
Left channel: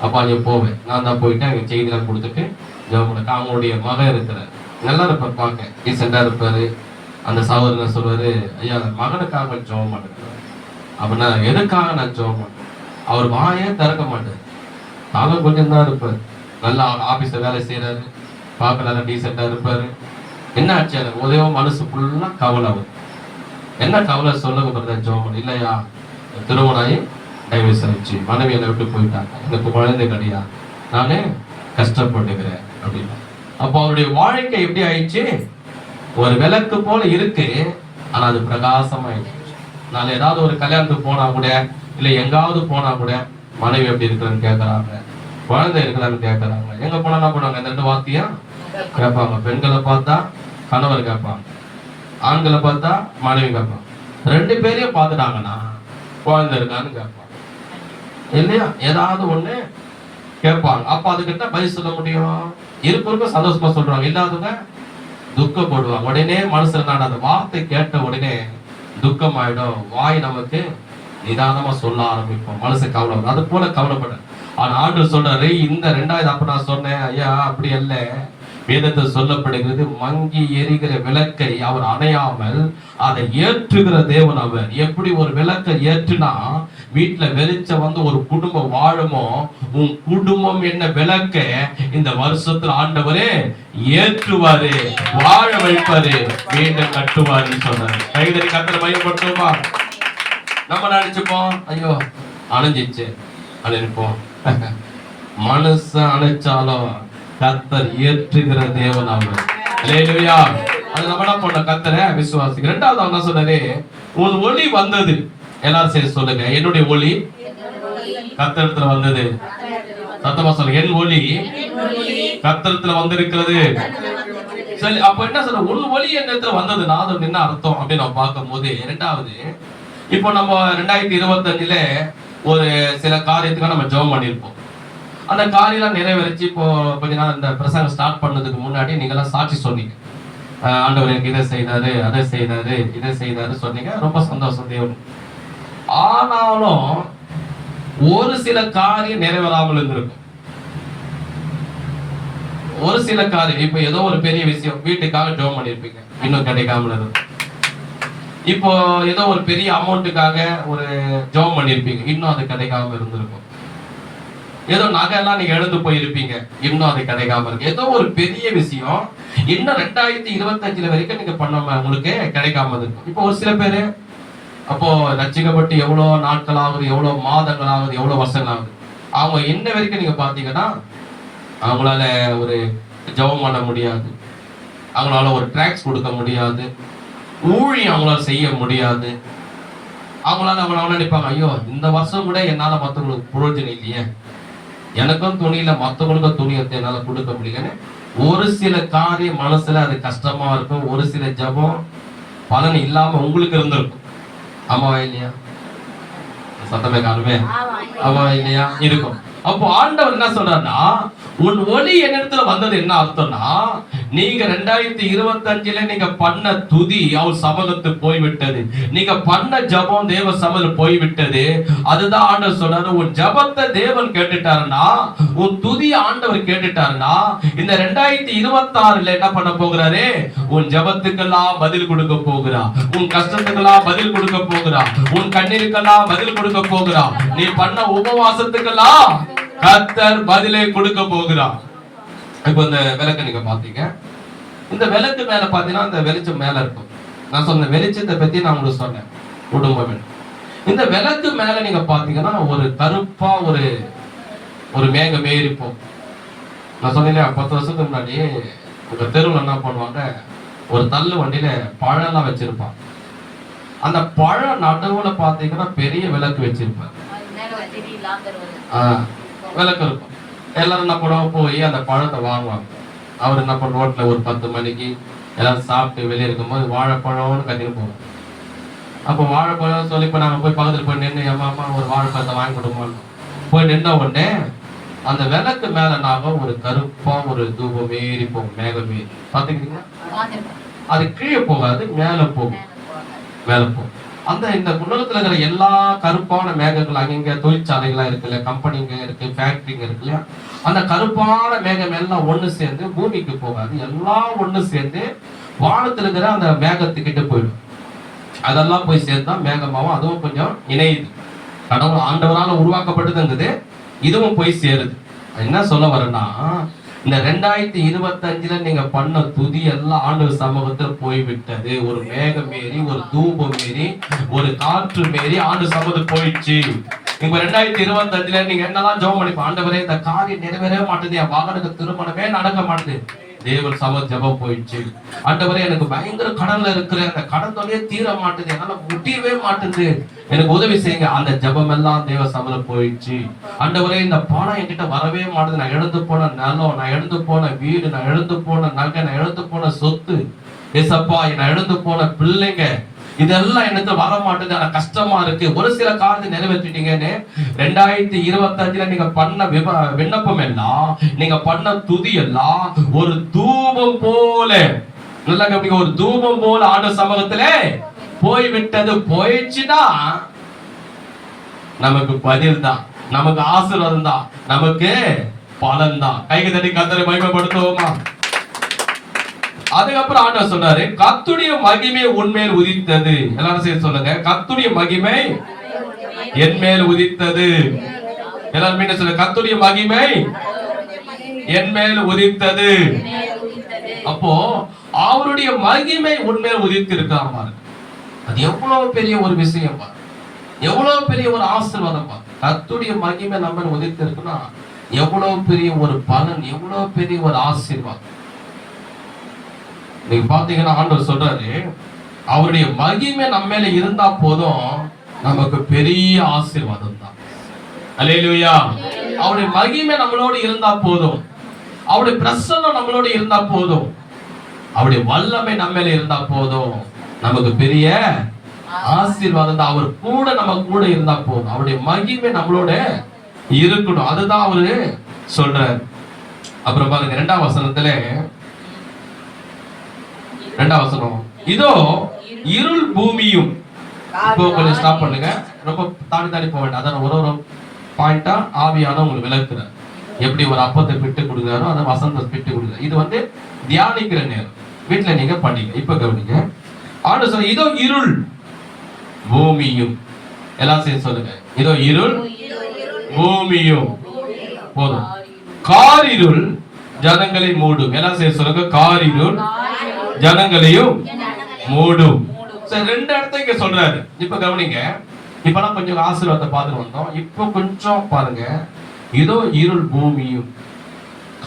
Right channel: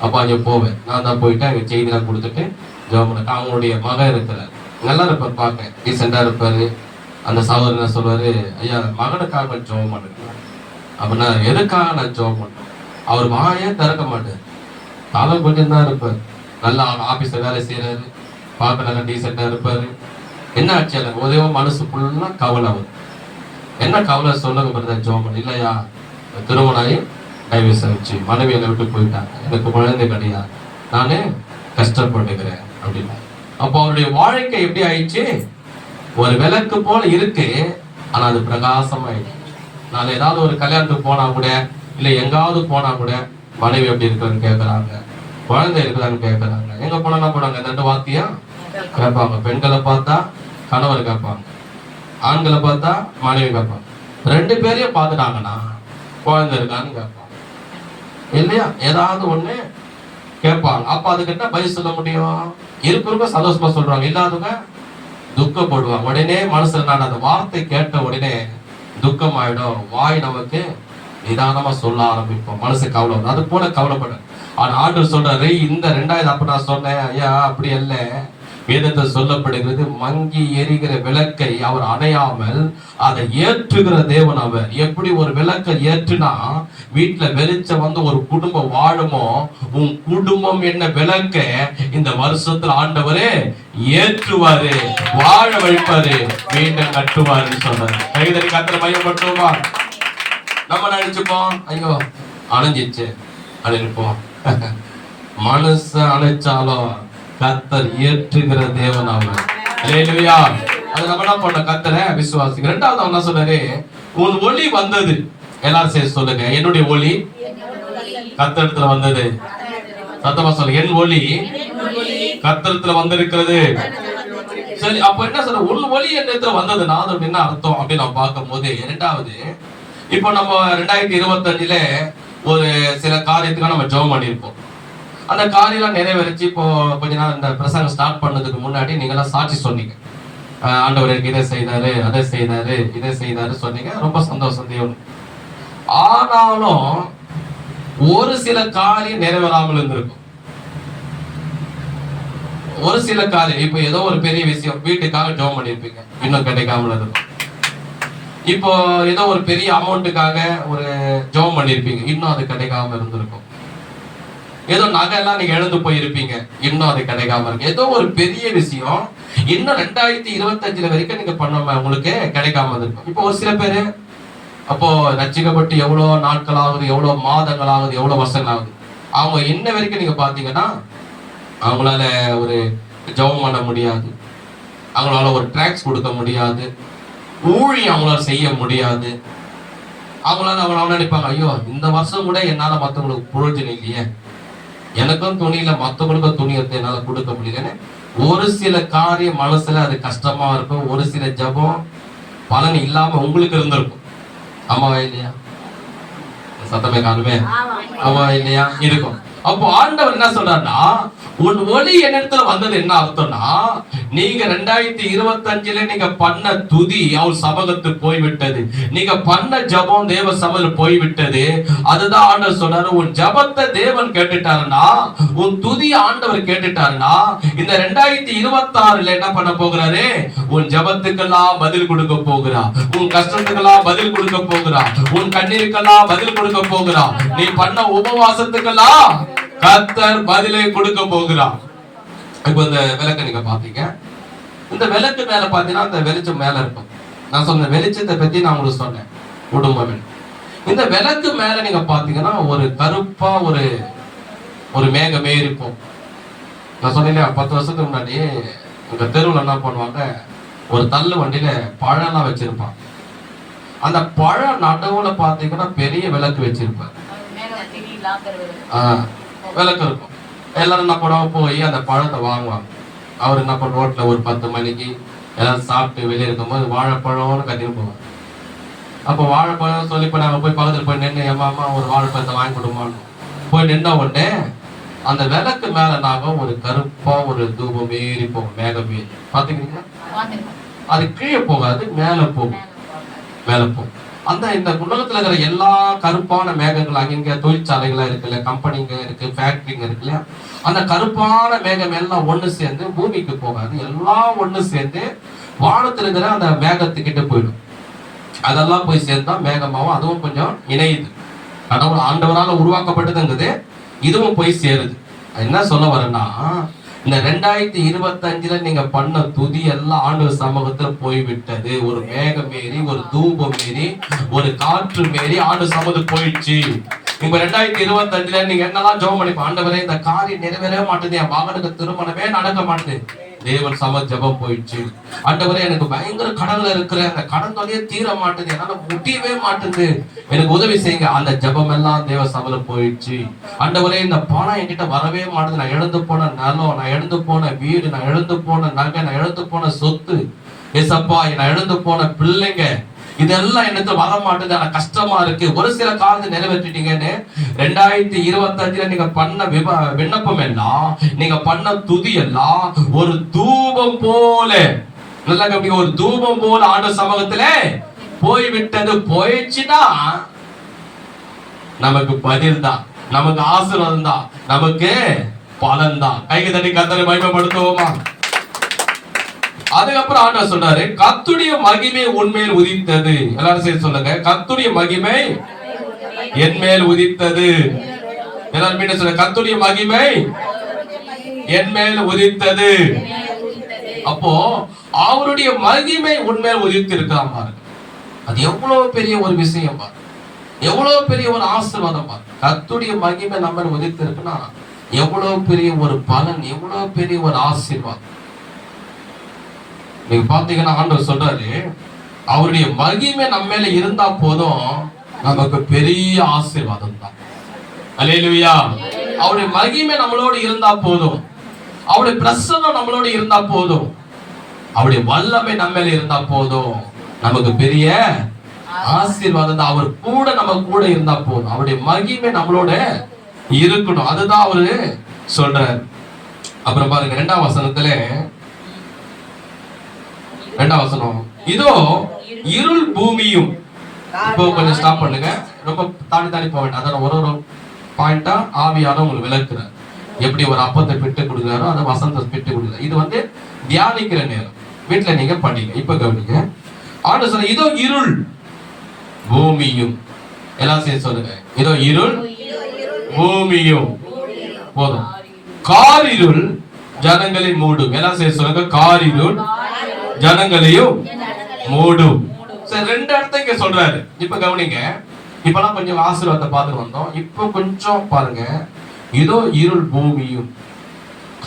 அப்போ அங்கே போவேன். நான் தான் போயிட்டு அங்கே செய்திலாம் கொடுத்துட்டு ஜெபம் பண்ண. அவங்களுடைய மகன் இருக்கிறார், நல்லா இருப்பார், பார்க்க ரீசெண்டாக இருப்பார். அந்த சகோதரன் சொல்லுவார், ஐயா மகனுக்காக ஜெபம் பண்ணுறேன் அப்படின்னா. எதுக்காக நான் ஜெபம் பண்ணுறேன்? அவர் வாயே திறக்க மாட்டார், காலம் கொஞ்சம் தான் இருப்பார். நல்லா ஆஃபீஸில் வேலை செய்கிறாரு, பார்க்க நல்லா டீசெண்டாக இருப்பார். என்ன ஆச்சு எனக்கு உதவ மனசு ஃபுல்லாக கவலை வரும். என்ன கவலை சொல்லுங்க பிரதர்? ஜெபம் பண்ண. இல்லையா, திருமணம் ஆகி டைவர்ஸ் ஆயிடுச்சு, மனைவி என்னை விட்டு போயிட்டாங்க, எனக்கு குழந்தை கிடையாது, நானே கஷ்டப்படுகிறேன் அப்படின்னா. அப்போ அவருடைய வாழ்க்கை எப்படி ஆயிடுச்சு? ஒரு விளக்கு போல இருக்கு, ஆனா அது பிரகாசமாயிடுச்சு. நான் ஏதாவது ஒரு கல்யாணத்துக்கு போனா கூட, இல்லை எங்காவது போனா கூட, மனைவி எப்படி இருக்குன்னு கேட்கறாங்க, குழந்தை இருக்குதான்னு கேட்கறாங்க. எங்க போனா என்ன பண்ணுவாங்க? இந்த 2 வார்த்தையா கேட்பாங்க. பெண்களை பார்த்தா கணவர் கேட்பாங்க, ஆண்களை பார்த்தா மனைவி கேட்பாங்க. 2 பேரையும் பார்த்துட்டாங்கன்னா குழந்தை இருக்கான்னு கேட்பாங்க இல்லையா? ஏதாவது ஒண்ணு கேட்பாங்க. அப்ப அதுக்கிட்ட பதில் சொல்ல முடியும்? இருக்கிறவங்க சந்தோஷமா சொல்றாங்க, இல்லாதவங்க துக்கப்படுவாங்க. உடனே மனசுல நான் அந்த வார்த்தை கேட்ட உடனே துக்கம் ஆயிடும். வாய் நமக்கு நிதானமா சொல்ல ஆரம்பிப்போம், மனசு கவலை. அது போல கவலைப்பட. ஆனா ஆண்டவர் சொல்றாரு, இந்த 2வது அப்ப நான் சொன்னேன், ஐயா அப்படி அல்ல. வேதத்தில் சொல்லப்படுகிறது, மங்கி எரிகிற விளக்கை அவர் அணையாமல் அதை ஏற்றுகிற தேவன் அவர். எப்படி ஒரு விளக்கை ஏற்றுனா வீட்டுல வெளிச்சம் வந்து ஒரு குடும்பம் வாழுமோ, உன் குடும்பம் என்ன விளக்க இந்த வருஷத்துல ஆண்டவரே ஏற்றுவாரு, வாழ வைப்பாரு, மீண்டும் கட்டுவாருன்னு சொல்றாரு. கைதறி கத்திர மையப்படுத்துவோமா? நம்ம நினைச்சுப்போம், ஐயோ அணைஞ்சிச்சு அணைப்போம். மனச அணைச்சாலும் கர்த்தர் ஏற்றுகிற தேவன் அவர். அல்லேலூயா. அது நம்ம என்ன பண்ண கர்த்தரை விசுவாசிக்க. 2வது என்ன சொன்னாரு? உன் ஒளி வந்தது. எல்லாரும் சேர்ந்து சொல்லுங்க, என்னுடைய ஒளி கர்த்தரிடத்துல வந்தது. சத்தமா சொல்லுங்க, என் ஒளி கர்த்தரிடத்துல வந்திருக்கிறது. சரி, அப்ப என்ன சொல்ற? உன் ஒளி என்னத்துல வந்ததுன்னா அது என்ன அர்த்தம் அப்படின்னு நம்ம பார்க்கும் போது, 2வது இப்போ நம்ம 2025ல ஒரு சில காரியத்துக்காக நம்ம ஜெபம் பண்ணியிருப்போம். அந்த காரியெல்லாம் நிறைவேறிச்சு. இப்போ கொஞ்ச நாள் இந்த பிரசங்கம் ஸ்டார்ட் பண்ணதுக்கு முன்னாடி நீங்களாம் சாட்சி சொன்னீங்க. ஆண்டவர் எனக்கு இதை செய்தாரு, அதை செய்தாரு, இதை செய்தாரு சொன்னீங்க. ரொம்ப சந்தோஷம் தேவன். ஆனாலும் ஒரு சில காரியம் நிறைவேறாமல் இருந்திருக்கும். ஒரு சில காரியம், இப்போ ஏதோ ஒரு பெரிய விஷயம் வீட்டுக்காக ஜெபம் பண்ணியிருப்பீங்க, இன்னும் கிடைக்காமல் இருக்கும். இப்போ ஏதோ ஒரு பெரிய அமௌண்ட்டுக்காக ஒரு ஜெபம் பண்ணியிருப்பீங்க, இன்னும் அது கிடைக்காம இருந்திருக்கும். ஏதோ நகை எல்லாம் நீங்க எழுந்து போயிருப்பீங்க, இன்னும் அது கிடைக்காம இருக்கு. ஏதோ ஒரு பெரிய விஷயம் இன்னும் 2025 வரைக்கும் நீங்க பண்ண உங்களுக்கு கிடைக்காம இருக்கும். இப்போ ஒரு சில பேரு அப்போ ரட்சிக்கப்பட்டு எவ்வளவு நாட்கள் ஆகுது, எவ்வளவு மாதங்கள் ஆகுது, எவ்வளவு வருஷங்கள் ஆகுது. அவங்க என்ன வரைக்கும் நீங்க பாத்தீங்கன்னா அவங்களால ஒரு ஜெபம் பண்ண முடியாது, அவங்களால ஒரு ட்ராக்ஸ் கொடுக்க முடியாது, ஊழியம் அவங்களால செய்ய முடியாது. அவங்களால நினைப்பாங்க, ஐயோ இந்த வருஷம் கூட என்னால மற்றவங்களுக்கு பிரயோஜனம் இல்லையே, எனக்கும் துணியில மற்றவங்களுக்கும் துணி எடுத்து என்னால கொடுக்க முடியலன்னு ஒரு சில காரியம் மனசுல அது கஷ்டமா இருக்கும். ஒரு சில ஜெபம் பலன் இல்லாம உங்களுக்கு இருந்திருக்கும். ஆமாவா இல்லையா? சத்தமே காணுமே. ஆமா இல்லையா? இருக்கும். அப்போ ஆண்டவர் என்ன சொல்றாருன்னா, உன் ஒளி என்னிடத்துல வந்தது என்ன அர்த்தம்னா, நீங்க 2025ல நீங்க பண்ண துதி அவர் சமூகத்து போய்விட்டது, நீங்க பண்ண ஜபம் தேவ சமூகத்துல போய்விட்டது. அதுதான் ஆண்டவர் சொன்னாரு, உன் ஜபத்தை தேவன் கேட்டுட்டாருன்னா, உன் துதி ஆண்டவர் கேட்டுட்டாருன்னா, இந்த 2026ல என்ன பண்ண போகிறாரு? உன் ஜபத்துக்கெல்லாம் பதில் கொடுக்க போகிறா, உன் கஷ்டத்துக்கெல்லாம் பதில் கொடுக்க போகிறா, உன் கண்ணீருக்கெல்லாம் பதில் கொடுக்க போகிறா, நீ பண்ண உபவாசத்துக்கெல்லாம் கர்த்தர் பதிலை கொடுக்க போகிறார். இப்போ இந்த விளக்கு நீங்க பாத்தீங்க, இந்த விளக்கு மேல பாத்தீங்கன்னா அந்த வெளிச்சம் மேல இருக்கும். நான் சொன்ன வெளிச்சத்தை பத்தி நான் உங்களுக்கு சொன்னேன், குடும்பம். இந்த விளக்கு மேல நீங்க பாத்தீங்கன்னா ஒரு கருப்பா ஒரு மேகம் ஏறிப்போம். நான் சொன்னேன் இல்லையா, 10 வருஷத்துக்கு முன்னாடி உங்க தெருவில் என்ன பண்ணுவாங்க, ஒரு தள்ளு வண்டியில பழம்லாம் வச்சிருப்பான். அந்த பழம் நடுவுல பாத்தீங்கன்னா பெரிய விளக்கு வச்சிருப்பாங்க. விளக்கு இருக்கும். எல்லாரும் என்ன பண்ணுவாங்க, போய் அந்த பழத்தை வாங்குவாங்க. அவர் என்ன பண்ண ரோட்ல ஒரு 10 மணிக்கு எல்லாரும் சாப்பிட்டு வெளியே இருக்கும்போது வாழைப்பழம்னு கட்டிட்டு போவாங்க. அப்போ வாழைப்பழம் சொல்லி இப்போ நாங்கள் போய் பக்கத்துல போய் நின்று, ஏமாமா ஒரு வாழைப்பழத்தை வாங்கி கொடுமான்னு போய் நின்ன உடனே அந்த விளக்கு மேல நாங்கள் ஒரு கருப்பா ஒரு தூபம் ஏறி போகும், மேகம் ஏறி. பாத்துக்கிறீங்க? அது கீழே போகாது, மேல போகும், மேல போகும். அந்த இந்த உலகத்துல இருக்கிற எல்லா கருப்பான மேகங்கள், அங்கங்க தொழிற்சாலைகளா இருக்குல்ல, கம்பெனிங்க இருக்கு, ஃபேக்டரிங்க இருக்குல்ல, அந்த கருப்பான மேகம் எல்லாம் ஒண்ணு சேர்ந்து பூமிக்கு போகாது, எல்லாம் ஒண்ணு சேர்ந்து வானத்துல இருக்கிற அந்த மேகத்துக்கிட்ட போயிடும். அதெல்லாம் போய் சேர்ந்தா மேகமாவும் அதுவும் கொஞ்சம் இணையுது. கடவுள் ஆண்டவரால உருவாக்கப்பட்டதுங்குது, இதுவும் போய் சேருது. என்ன சொல்ல வரேன்னா, இந்த 2025ல நீங்க பண்ண துதி எல்லாம் ஆண்டவர் சமூகத்துல போய்விட்டது. ஒரு மேகம் ஏறி, ஒரு தூபம் ஏறி, ஒரு காற்று மேறி ஆண்டு சமூகத்துக்கு போயிடுச்சு. இப்ப 2025ல நீங்க என்னெல்லாம் ஜெபம் பண்ணிப்போம், ஆண்டவரே இந்த காரியம் நிறைவேறவே மாட்டேது, என் மகனுக்கு திருமணமே நடக்க மாட்டேது, தேவன் சம ஜெபம் போயிடுச்சு. ஆண்டவரே எனக்கு பயங்கர கடன்ல இருக்கிறேன், அந்த கடன் தொல்லையே தீர மாட்டேது, என்னால முடியவே மாட்டேது, எனக்கு உதவி செய்யுங்க. அந்த ஜெபம் எல்லாம் தேவ சபையில போயிடுச்சு. ஆண்டவரே இந்த பணம் என்கிட்ட வரவே மாட்டேது, நான் இழந்து போன நிலம், நான் இழந்து போன வீடு, நான் இழந்து போன நகை, நான் இழந்து போன சொத்து, ஏசப்பா நான் இழந்து போன பிள்ளைங்க, இதெல்லாம் எனக்கு வர மாட்டேது, ஆனா கஷ்டமா இருக்கு. ஒரு சில காலத்தை நிறைவேற்றிட்டீங்கன்னு 2025 நீங்க பண்ண விண்ணப்பம் எல்லாம், நீங்க பண்ண துதி எல்லாம் ஒரு தூபம் போல, நல்லா கவனிங்க, ஒரு தூபம் போல ஆண்டு சமூகத்திலே போய்விட்டது. போயிடுச்சுன்னா நமக்கு பதில் தான், நமக்கு ஆசீர்வாதம் தான், நமக்கு பலன் தான். கைக்கு தட்டி கர்த்தரை மகிமைப்படுத்துவோமா? அதுக்கப்புறம் ஆண்டவர் சொல்றாரு, கர்த்தருடைய மகிமை உன்மேல் உதித்தது. எல்லாரும் சேர்த்து சொல்லுங்க, கர்த்தருடைய மகிமை என் மேல் உதித்தது. எல்லாரும் மீண்டும் சொல்லுங்க, கர்த்தருடைய மகிமை என் மேல் உதித்தது. அப்போ அவருடைய மகிமை உன்மேல் உதித்து இருக்காம பாருங்க, அது எவ்வளவு பெரிய ஒரு விஷயம் பாரு, எவ்வளவு பெரிய ஒரு ஆசீர்வாதம் பாரு. கர்த்தருடைய மகிமை நம்ம உதித்து இருக்குன்னா எவ்வளவு பெரிய ஒரு பலன், எவ்வளவு பெரிய ஒரு ஆசீர்வாதம். நீங்க பாத்தீங்கன்னா ஆண்டவர் சொல்றாரு, அவருடைய மகிமை நம்ம மேல இருந்தா போதும், நமக்கு பெரிய ஆசீர்வாதம் தான். அல்லேலூயா. அவருடைய மகிமை நம்மளோடு இருந்தா போதும், அவருடைய பிரசன்னம் நம்மளோடு இருந்தா போதும், அவருடைய வல்லமை நம்ம மேல இருந்தா போதும், நமக்கு பெரிய ஆசீர்வாதம் தான். அவர் கூட நம்ம கூட இருந்தா போதும், அவருடைய மகிமை நம்மளோட இருக்கணும். அதுதான் அவரு சொல்றாரு. அப்புறம் பாருங்க 2ஆம் வசனத்துல, 2ஆம் வசனம், இதோ இருள் பூமியும். இப்போ கொஞ்சம் ஸ்டாப் பண்ணுங்க, ரொம்ப தாண்டி போக வேண்டாம். அதான் ஒரு பாயிண்டா ஆவியான உங்களுக்கு விளக்குறார். எப்படி ஒரு அப்பத்தை பிட்டு கொடுக்குறாரோ அதை வசந்த பிட்டு கொடுக்குறாரு. இது தியானிக்கிற நேரம், வீட்டுல நீங்க படிங்க. இப்ப கவனிங்க, ஆண்டு சொல்ல, இதோ இருள் பூமியும். எல்லாம் சேர்த்து சொல்லுங்க, இதோ இருள் பூமியும். போதும். காரிருள் ஜனங்களை மூடும். எல்லாம் சேர்த்து சொல்லுங்க, காரிருள் ஜனங்களையும் மூடும். சரி, 2 இடத்தை இங்க சொல்றாரு. இப்ப கவனிங்க, இப்பெல்லாம் கொஞ்சம் ஆசீர்வாதத்தை பார்த்துட்டு வந்தோம். இப்போ கொஞ்சம் பாருங்க, இதோ இருள் பூமியும்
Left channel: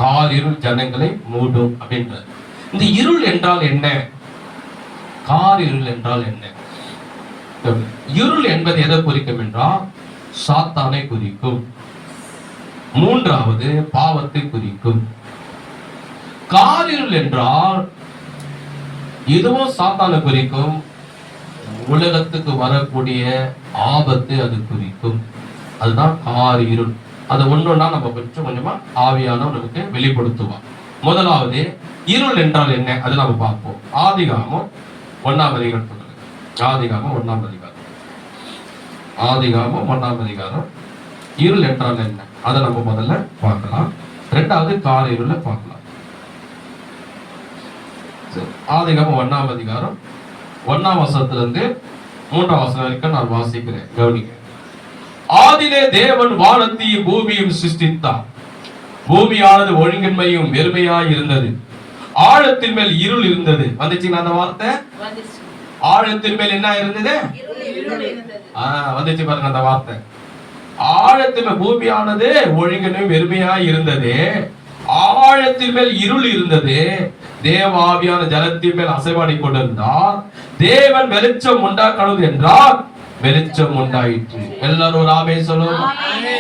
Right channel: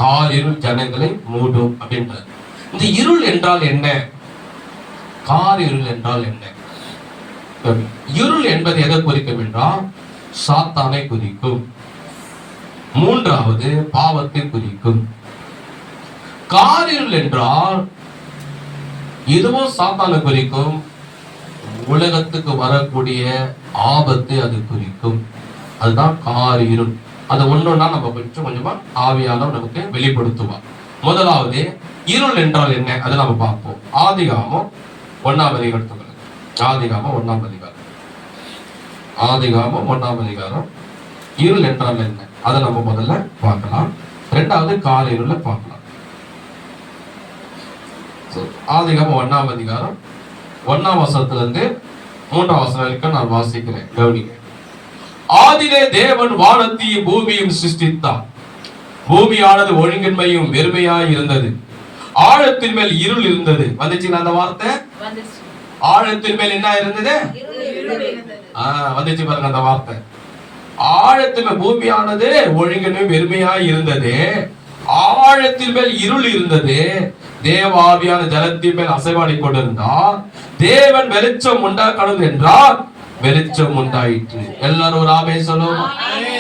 காரிருள் ஜனங்களை மூடும் அப்படின்றார். இந்த இருள் என்றால் என்ன? காரிருள் என்றால் என்ன? இருள் என்பது எதை குறிக்கும் என்றால் சாத்தானை குறிக்கும். 3வது பாவத்தை குறிக்கும். காரிருள் என்றால் இதுவும் சாத்தானை குறிக்கும், உலகத்துக்கு வரக்கூடிய ஆபத்து அது குறிக்கும். அதுதான் காரிருள். அது ஒண்ணுன்னா நம்ம கொஞ்சமா ஆவியானவர் நமக்கு வெளிப்படுத்துவார். முதலாவது இருள் என்றால் என்ன, அதை நம்ம பார்ப்போம். ஆதிகாமம் 1ஆம் அதிகாரம், ஆதிகாமம் 1ஆம் அதிகாரம், ஆதிகாமம் 1ஆம் அதிகாரம். இருள் என்றால் என்ன அதை நம்ம முதல்ல பார்க்கலாம். 2வது காரிருளை பார்க்கலாம். ஆதிகாமம் 1ஆம் அதிகாரம் 1ஆம் வசனத்திலிருந்து 3ஆம் வசனம் வரைக்கும் நான் வாசிக்கிறேன், கவனிங்க. ஆதியிலே தேவன் வானத்தையும் பூமியும் சிருஷ்டித்தார். பூமியானது ஒழுங்கின்மையும் வெறுமையாய் இருந்தது, ஆழத்தின் மேல் இருள் இருந்தது. வந்துச்சுங்களா அந்த வார்த்தை? ஆழத்தின் மேல் என்ன இருந்தது? வந்துச்சு பாருங்க அந்த வார்த்தை. ஆழத்தின் மேல் பூமியானது ஒழுங்கின்மையும் வெறுமையாய் இருந்தது, ஆழத்தின் மேல் இருள் இருந்தது, தேவாவியான ஜலத்தின் மேல் அசைவாடி கொண்டிருந்தார். தேவன் வெளிச்சம் உண்டாக்கணும் என்றால் வெளிச்சம் உண்டாயிற்று. எல்லாரும் ஒரு ஆமென் சொல்லுவோமா?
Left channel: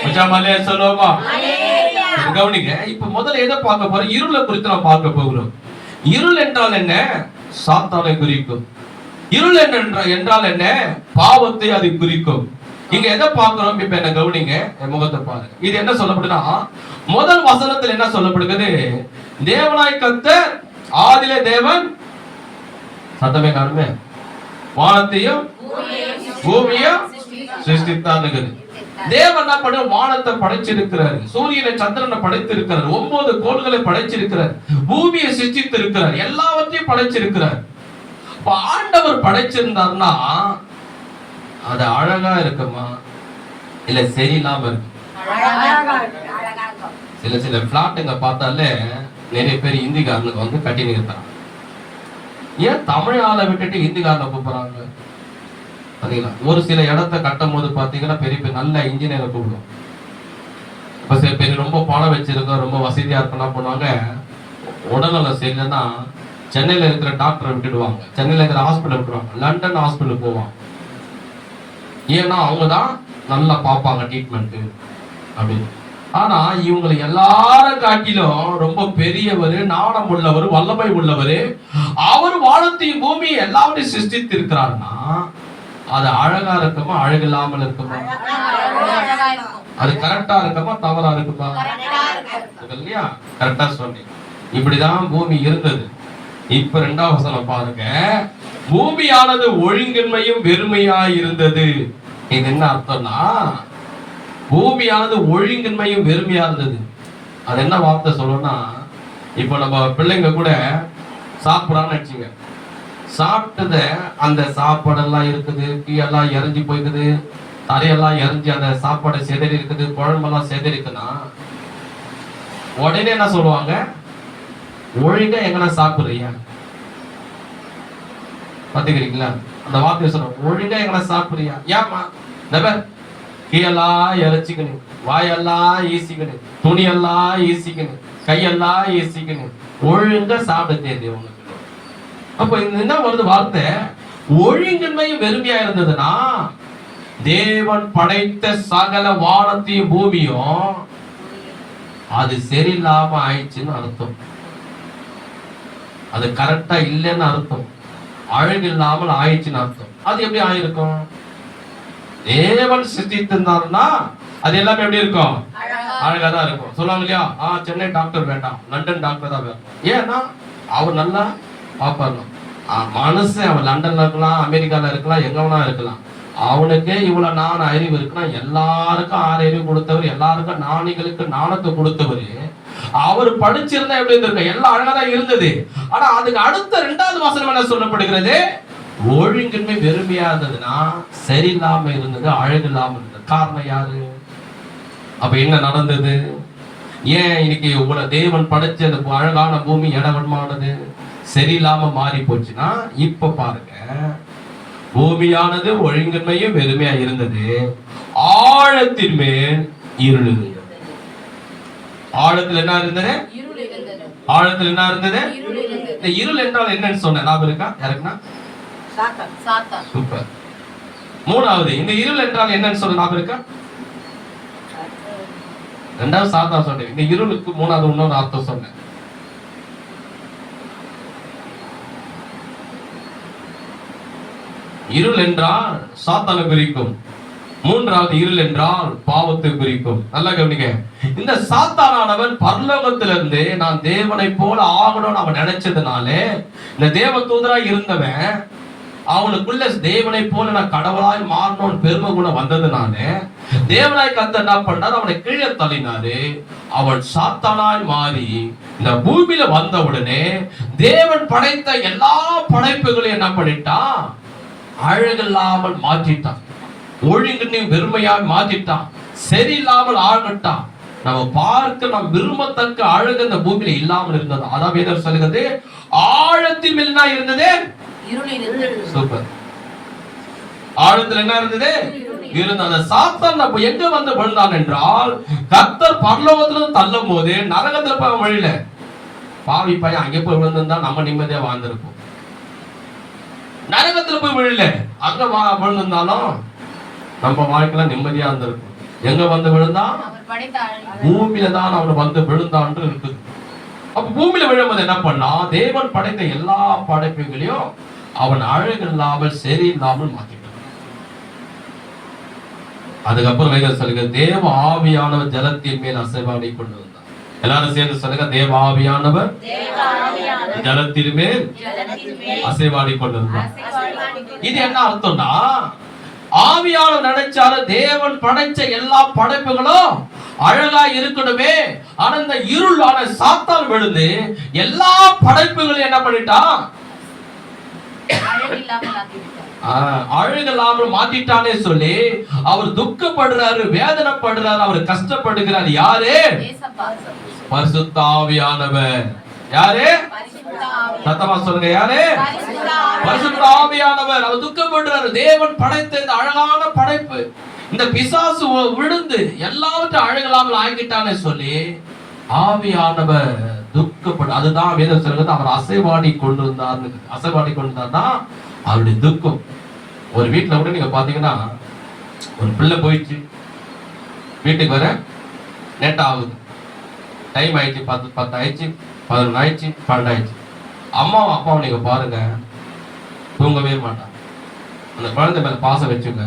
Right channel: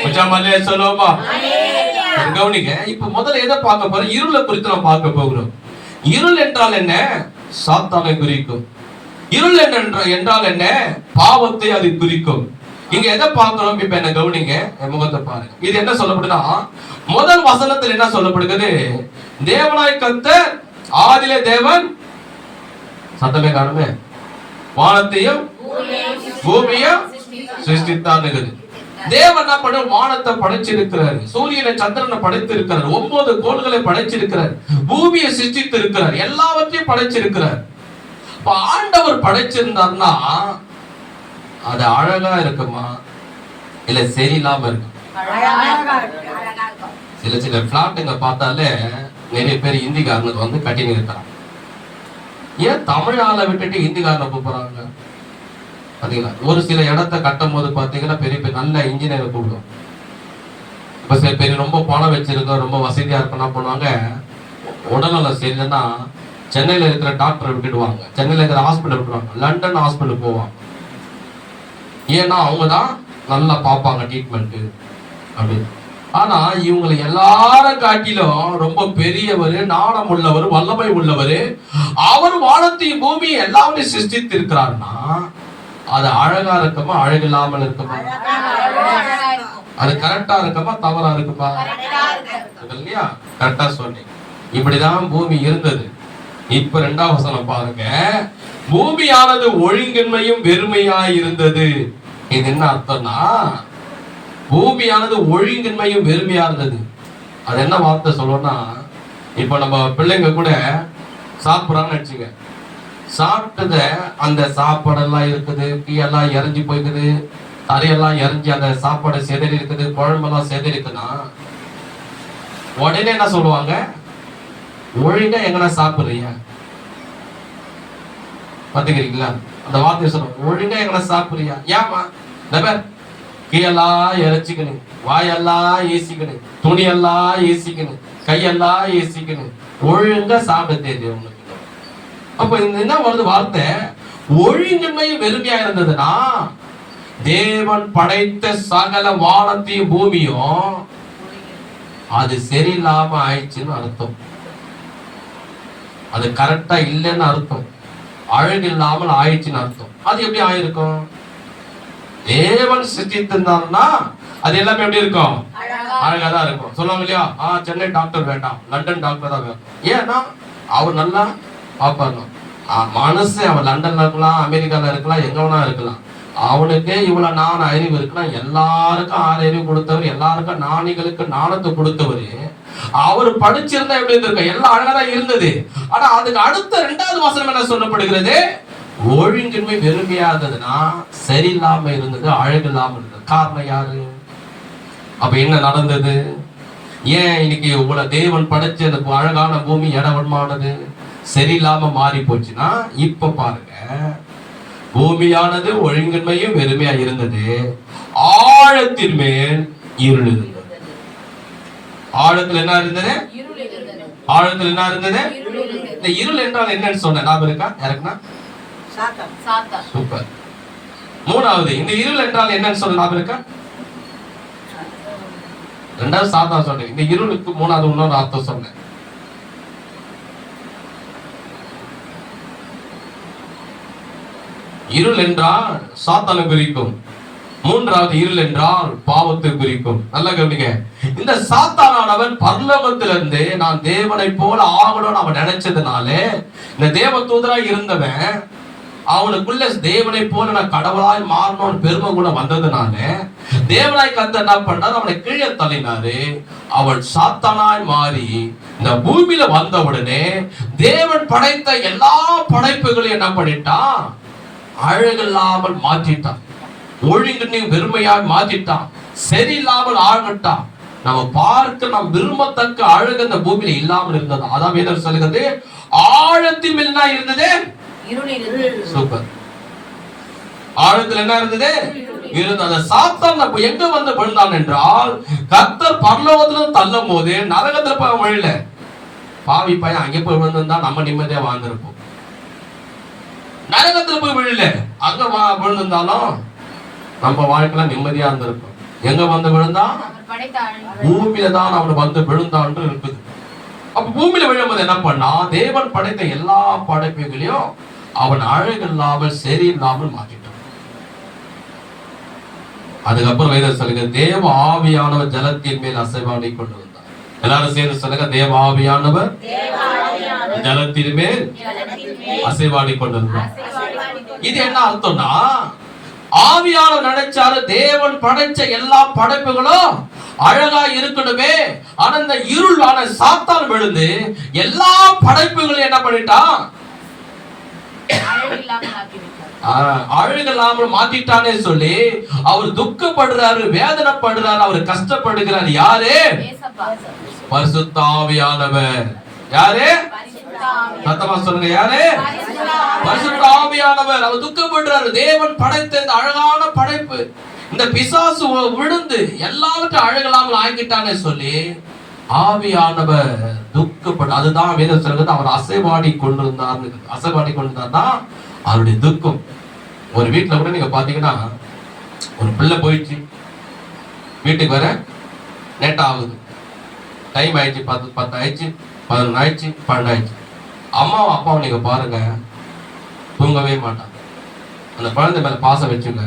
மச்சாமல்லே சொல்லுவோமா? கவனிங்க, இப்ப முதல்ல எதை பார்க்க போறோம்? இருளை குறித்து நாம் பார்க்க போகிறோம். இருள் என்றால் என்ன? சாத்தானை குறிக்கும். இருள் என்றால் என்ன? பாவத்தை அது குறிக்கும். இங்க எதை பார்க்கிறோம்? இப்ப என்ன கவனிங்க, முகத்தை பாருங்க. இது என்ன சொல்லப்படுதுன்னா, முதல் வசனத்தில் என்ன சொல்லப்படுகிறது? தேவனாய் கர்த்தர் ஆதியிலே தேவன், சத்தமே காணுமே, வானத்தையும் பூமியையும் சிருஷ்டித்தார். தேவன் என்ன பண்ண? வானத்தை படைச்சிருக்கிறார், சூரியனை சந்திரனை படைத்திருக்கிறார், 9 கோள்களை படைச்சிருக்கிறார், பூமியை சிருஷ்டித்திருக்கிறார், எல்லாவற்றையும் படைச்சிருக்கிறார். இப்ப ஆண்டவர் படைச்சிருந்தார்னா அது அழகா இருக்குமா இல்ல சரியில்லாம இருக்கும்? சில பிளாட்டுங்க பார்த்தாலே நிறைய பேர் இந்திக்காரனுக்கு கட்டினு இருக்கிறான். ஏன் தமிழ் ஆளை விட்டுட்டு இந்திக்காரனை கூப்பிடுறாங்க? பாத்தீங்களா, ஒரு சில இடத்த கட்டும் போது பாத்தீங்கன்னா பெரிய பெரிய நல்ல இன்ஜினியரை கூப்பிடும். இப்ப சில பேர் ரொம்ப பணம் வச்சிருக்க, ரொம்ப வசதியா இருக்கணும் பண்ணுவாங்க, உடல்நலம் சரியில்லைன்னா சென்னையில இருக்கிற டாக்டரை விட்டுடுவாங்க, சென்னையில இருக்கிற ஹாஸ்பிட்டல் விட்டுருவாங்க, லண்டன் ஹாஸ்பிட்டல் போவாங்க. ஏன்னா அவங்க தான் நல்லா பார்ப்பாங்க ட்ரீட்மெண்ட் அப்படின்னு. ஆனா இவங்களை எல்லாரும் காட்டிலும் ரொம்ப பெரியவர், நாணம் உள்ளவர், வல்லமை உள்ளவர், அவர் வானத்தையும் பூமி எல்லாமே சிருஷ்டித்து இருக்கிறாருன்னா அது அழகா இருக்குமா அழகில்லாமல் இருக்குமா? அது கரெக்டா இருக்குமா தவறா இருக்குமா? இல்லையா? கரெக்டா சொன்னீங்க. இப்படிதான் பூமி இருந்தது. இப்ப 2ஆம் வசனம் பாருங்க. பூமியானது ஒழுங்கின்மையும் வெறுமையா இருந்தது. இது என்ன அர்த்தம்னா, பூமியானது ஒழுங்கின்மையும் வெறுமையா இருந்தது. அது என்ன வார்த்தை சொல்லணும்னா, இப்ப நம்ம பிள்ளைங்க கூட சாப்பிடுறாங்கன்னு நினைச்சுங்க, சாப்பிட்டத அந்த சாப்பாடெல்லாம் இருக்குது, டீயெல்லாம் இறஞ்சி போய்க்குது, தரையெல்லாம் இறஞ்சி அந்த சாப்பாடை செதறி இருக்குது, குழம்பெல்லாம் செதறி இருக்குன்னா உடனே என்ன சொல்லுவாங்க, ஒழுங்கா எங்கன்னா சாப்பிடுறியா? பாத்துக்கிறீங்களா? அந்த வார்த்தையை சொல்லுவாங்க, ஒழுங்கா எங்கன்னா சாப்பிடுறியா? ஏமா கீழெல்லாம் இறைச்சிக்கணும், வாயெல்லாம் ஈசிக்கணும், துணியெல்லாம் ஈசிக்கணும், கையெல்லாம் ஈசிக்கணும், ஒழுங்கா சாப்பிட தெரியுது உங்களுக்கு. அப்ப என்ன வருது வார்த்தை, ஒழுங்கின்மையும் வெறுமையா இருந்ததுன்னா தேவன் படைத்த சகல வானத்தையும் பூமியும் அது சரியில்லாம ஆயிடுச்சுன்னு அர்த்தம். அது கரெக்டா இல்லைன்னு அர்த்தம், அழகு இல்லாமல் ஆயிடுச்சுன்னு அர்த்தம். அது எப்படி ஆயிருக்கும்? தேவன் சிருஷ்டித்திருந்தாருன்னா அது எல்லாமே எப்படி இருக்கும்? அழகா தான் இருக்கும். சொல்லுவாங்க இல்லையா, சென்னை டாக்டர் வேண்டாம், லண்டன் டாக்டர் தான் வேணும். ஏன்னா அவர் நல்லா பார்ப்பாங்க. மனுஷன் அவன் லண்டன்ல இருக்கலாம், அமெரிக்கால இருக்கலாம், எங்க வேணா இருக்கலாம், அவனுக்கே இவ்வளவு நாண அறிவு இருக்குன்னா, எல்லாருக்கும் 6 அறிவு கொடுத்தவர், எல்லாருக்கும் நாணிகளுக்கு நாணத்தை கொடுத்தவர், அவர் படிச்சிருந்தா எப்படி இருந்திருக்க? எல்லாம் அழகா இருந்தது. ஆனா அதுக்கு அடுத்த 2வது வசனம் என்ன சொல்லப்படுகிறது? ஒழுங்கின்மை வெறுமையா இருந்ததுன்னா சரியில்லாம இருந்தது, அழகு இல்லாம இருந்தது. காரணம் யாரு? அப்ப என்ன நடந்தது? ஏன் இன்னைக்கு இவ்வளவு தேவன் படைச்ச அந்த அழகான பூமி இடவன்மானது சரியில்லாம மாறி போச்சுன்னா, இப்ப பாருங்க, பூமியானது ஒழுங்கின்மையும் வெறுமையா இருந்தது, ஆழத்தின் மேல் இருள் இருந்தது. ஆழத்தில் என்ன இருந்தது? ஆழத்தில் என்ன இருந்தது? இந்த இருள் என்றால் என்னன்னு சொன்ன ஞாபகம் இருக்கா யாருக்குன்னா? சூப்பர். 3வது, இந்த இருள் என்றால் என்னன்னு சொல்ல ஞாபகம் இருக்கா? 2வது சாத்தான் சொன்னேன். இந்த இருளுக்கு 3வது இன்னொரு அர்த்தம் சொன்னேன். இருள் என்றால் சாத்தானை குறிக்கும். 3வது இருள் என்றால் பாவத்தை குறிக்கும். நல்லா கவனிங்க. இந்த சாத்தானானவன் பரலோகத்திலிருந்து நான் தேவனை போல ஆகணும்னு அவன் நினைச்சதுனால, இந்த தேவ தூதராய் இருந்தவன் அவனுக்குள்ள தேவனை போல நான் கடவுளாய் மாறணும்னு பெருமை கூட வந்ததுனால தேவனாய் கர்த்தர் என்ன பண்ணார்? அவனை கீழே தள்ளினாரு. அவன் சாத்தானாய் மாறி இந்த பூமியில வந்த உடனே தேவன் படைத்த எல்லா படைப்புகளையும் என்ன பண்ணிட்டான்? அழகில்லாமல் மாற்றிட்டான், ஒழுங்கினையும் வெறுமையாய் மாற்றிட்டான், சரியில்லாமல் ஆகட்டான். நம்ம பார்க்க நாம் விரும்பத்தக்க அழகு அந்த பூமியில இல்லாமல் இருந்தது. அதான் வேதம் சொல்லுகிறது, ஆழத்தின் மேல் என்ன இருந்தது? சூப்பர். ஆழத்தில் என்ன இருந்தது? இருந்த அந்த சாத்தான் அப்ப எங்க வந்து விழுந்தான் என்றால், கர்த்தர் பரலோகத்துல தள்ளும் போது நரகத்துல போய் வழியில பாவி பையன் அங்கே போய் விழுந்திருந்தா நம்ம நிம்மதியா வாழ்ந்திருப்போம். நரகத்துல போய் விழல, அங்க விழுந்திருந்தாலும் நம்ம வாழ்க்கையில நிம்மதியா இருந்திருக்கும். எங்க வந்து விழுந்தா? பூமியில தான் அவன் வந்து விழுந்தான்னு இருக்குது. அப்ப பூமியில விழும்போது என்ன பண்ணா? தேவன் படைத்த எல்லா படைப்புகளையும் அவன் அழகு இல்லாமல் சரி இல்லாமல் மாற்றிட்டான். அதுக்கப்புறம் வேதம் சொல்லுங்க, தேவ ஆவியானவர் ஜலத்தின் மேல் அசைவாடி கொண்டு வந்தார். எல்லாரும் சேர்ந்து சொல்லுங்க, தேவ ஆவியானவர் ஜலத்தின் மேல் அசைவாடி கொண்டு வந்தார். இது என்ன அர்த்தம்னா, ஆவியானவர் நினைச்சாரு தேவன் படைச்ச எல்லா படைப்புகளும் அழகா இருக்கணுமே. ஆனா இந்த இருளான சாத்தான் விழுந்து எல்லா படைப்புகளையும் என்ன பண்ணிட்டான்? அழகில்லாமல் மாத்திட்டானே சொல்லி அவர் துக்கப்படுறாரு, வேதனைப்படுறாரு, அவர் கஷ்டப்படுகிறார். யாரு? பரிசுத்த ஆவியானவர். யாரு? சத்தமா சொல்லுங்க, யாரு? பரிசுத்த ஆவியானவர். அவர் துக்கப்படுறாரு. தேவன் படைத்த இந்த அழகான படைப்பு இந்த பிசாசு விழுந்து எல்லாவற்றையும் அழகில்லாமல் ஆக்கிட்டானே சொல்லி ஆவியானவர் துக்கப்பட்டு, அதுதான் வேதம் சொல்றது, அவர் அசைவாடி கொண்டிருந்தார்னா அவருடைய துக்கம். ஒரு வீட்டுல கூட நீங்க பாத்தீங்கன்னா, ஒரு பிள்ளை போயிடுச்சு, வீட்டுக்கு வர லேட் ஆகுது, டைம் ஆயிடுச்சு, 10 ஆயிடுச்சு, 11 ஆயிடுச்சு, 12 ஆயிடுச்சு. அம்மாவும் அப்பாவும் நீங்க பாருங்க, தூங்கவே மாட்டாங்க. அந்த குழந்தை மேல பாசம் வச்சுங்க.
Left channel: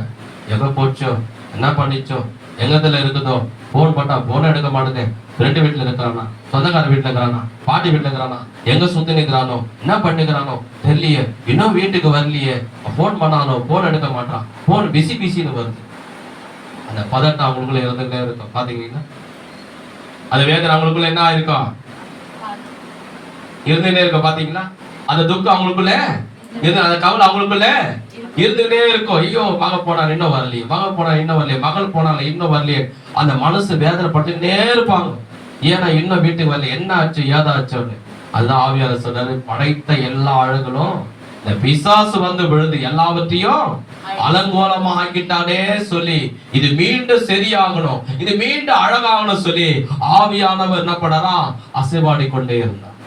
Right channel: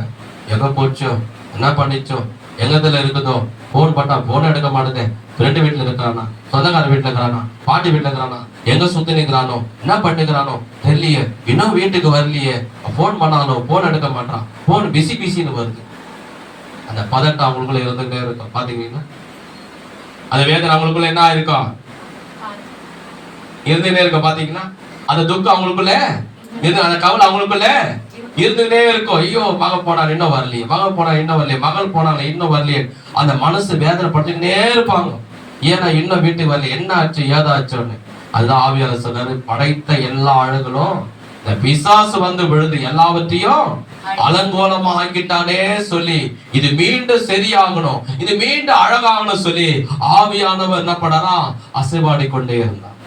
எங்க போச்சோ, என்ன பண்ணிச்சோ, எங்கத்துல இருக்குதோ, போன் பண்ணா போன் எடுக்க மாட்டேதே, ஃப்ரெண்டு வீட்டுல இருக்கிறானா, சொந்தக்கார வீட்டுல இருக்கிறானா, பாட்டி வீட்டுல இருக்கிறானா, எங்க சுத்தி நிற்கிறானோ, என்ன பண்ணிக்கிறானோ தெரியலையே, இன்னும் வீட்டுக்கு வரலையே, போன் பண்ணானோ போன் எடுக்க மாட்டான், போன் பிஸின்னு வருது. அந்த பதட்டம் அவங்களுக்குள்ள இருந்துகிட்டே இருக்கும். பாத்தீங்கன்னா அந்த வேதனை அவங்களுக்குள்ள என்ன இருக்கும், இருந்துகிட்டே இருக்கும். பாத்தீங்களா, அந்த துக்கம் அவங்களுக்குள்ள அந்த கவலை அவங்களுக்குள்ள இருந்துகிட்டே இருக்கும். ஐயோ, மகன் போனாலும் இன்னும் வரலையே, மகன் போனா இன்னும் வரலையே, மகள் போனாலும் இன்னும் வரலையே. அந்த மனசு வேதனை பட்டுக்கிட்டே இருப்பாங்க. ஏன்னா இன்னும் வீட்டுக்கு வரலையே, என்ன ஆச்சு ஏதாச்சுன்னு. அதுதான் ஆவியானவர் சொன்னாரு, படைத்த எல்லா அழகுகளும் இந்த பிசாசு வந்து விழுந்து எல்லாவற்றையும் அலங்கோலமா ஆக்கிட்டானே சொல்லி, இது மீண்டும் சரியாகணும், இது மீண்டும் அழகாகணும் சொல்லி ஆவியானவர் என்ன பண்ணாரா, அசைவாடி கொண்டே இருந்தார்.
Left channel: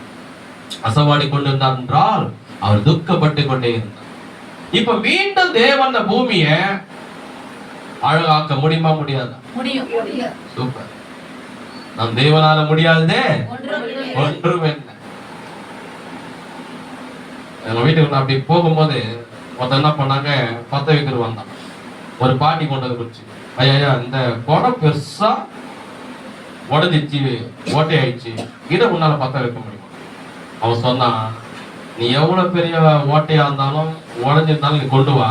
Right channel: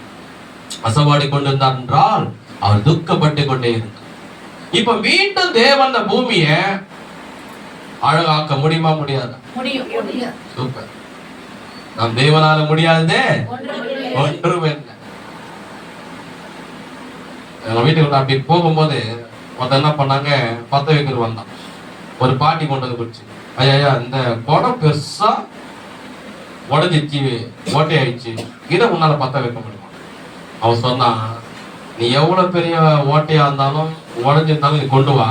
அசைவாடி கொண்டிருந்தார் என்றால் அவர் துக்கப்பட்டு கொண்டே இருந்தார். இப்ப மீண்டும் தேவன் இந்த பூமியை அழகாக்க முடியுமா, முடியாதா? சூப்பர். நம் தேவனால முடியாததே ஒன்றும் இல்லை. எங்க வீட்டுக்கு அப்படி போகும்போது ஒருத்தர் என்ன பண்ணாங்க, பத்த வைக்கிற வந்தான். ஒரு பாட்டி கொண்டு வந்து குடிச்சு, ஐயா இந்த குடம் பெருசா உடஞ்சிச்சு, ஓட்டை ஆயிடுச்சு, இதை உன்னால பத்த வைக்க முடியுமா? அவன் சொன்னான், நீ எவ்வளவு பெரிய ஓட்டையா இருந்தாலும் உடஞ்சிருந்தாலும் நீ கொண்டு வா,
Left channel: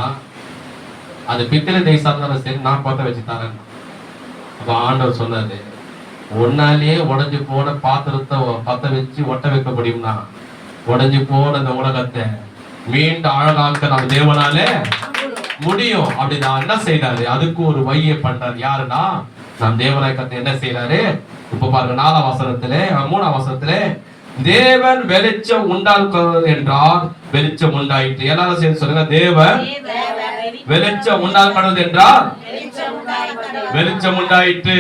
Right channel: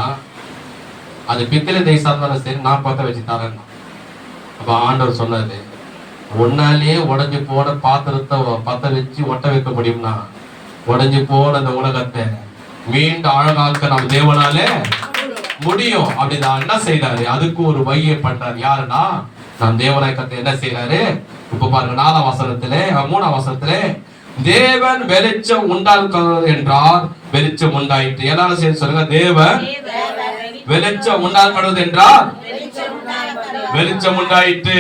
அது பித்தளை தேசா இருந்தாலும் சரி, நான் பத்த வச்சு தரேன். அப்ப ஆண்டவர் சொன்னாரு, ஒன்னாலேயே உடஞ்சு போன பாத்திரத்தை பத்த வச்சு ஒட்ட வைக்க முடியும்னா, உடஞ்சு போன அந்த உலகத்தை மீண்டும் அழகாக்க நம்ம தேவனால முடியும். அப்படிதான் என்ன செய்யறாரு, அதுக்கு ஒரு வழியை பண்றாரு. யாருன்னா நம் தேவனாய் என்ன செய்யறாரு? இப்ப பாருங்க, 4ஆம் வசனத்திலே 3ஆம் வசனத்திலே, தேவன் வெளிச்சம் உண்டாக்க என்றால் வெளிச்சம் உண்டாயிற்று. எல்லாரும் சேர்ந்து சொல்லுங்க, தேவன் வெளிச்சம் உண்டாக்கப்படுவது என்றால் வெளிச்சம் உண்டாயிற்று.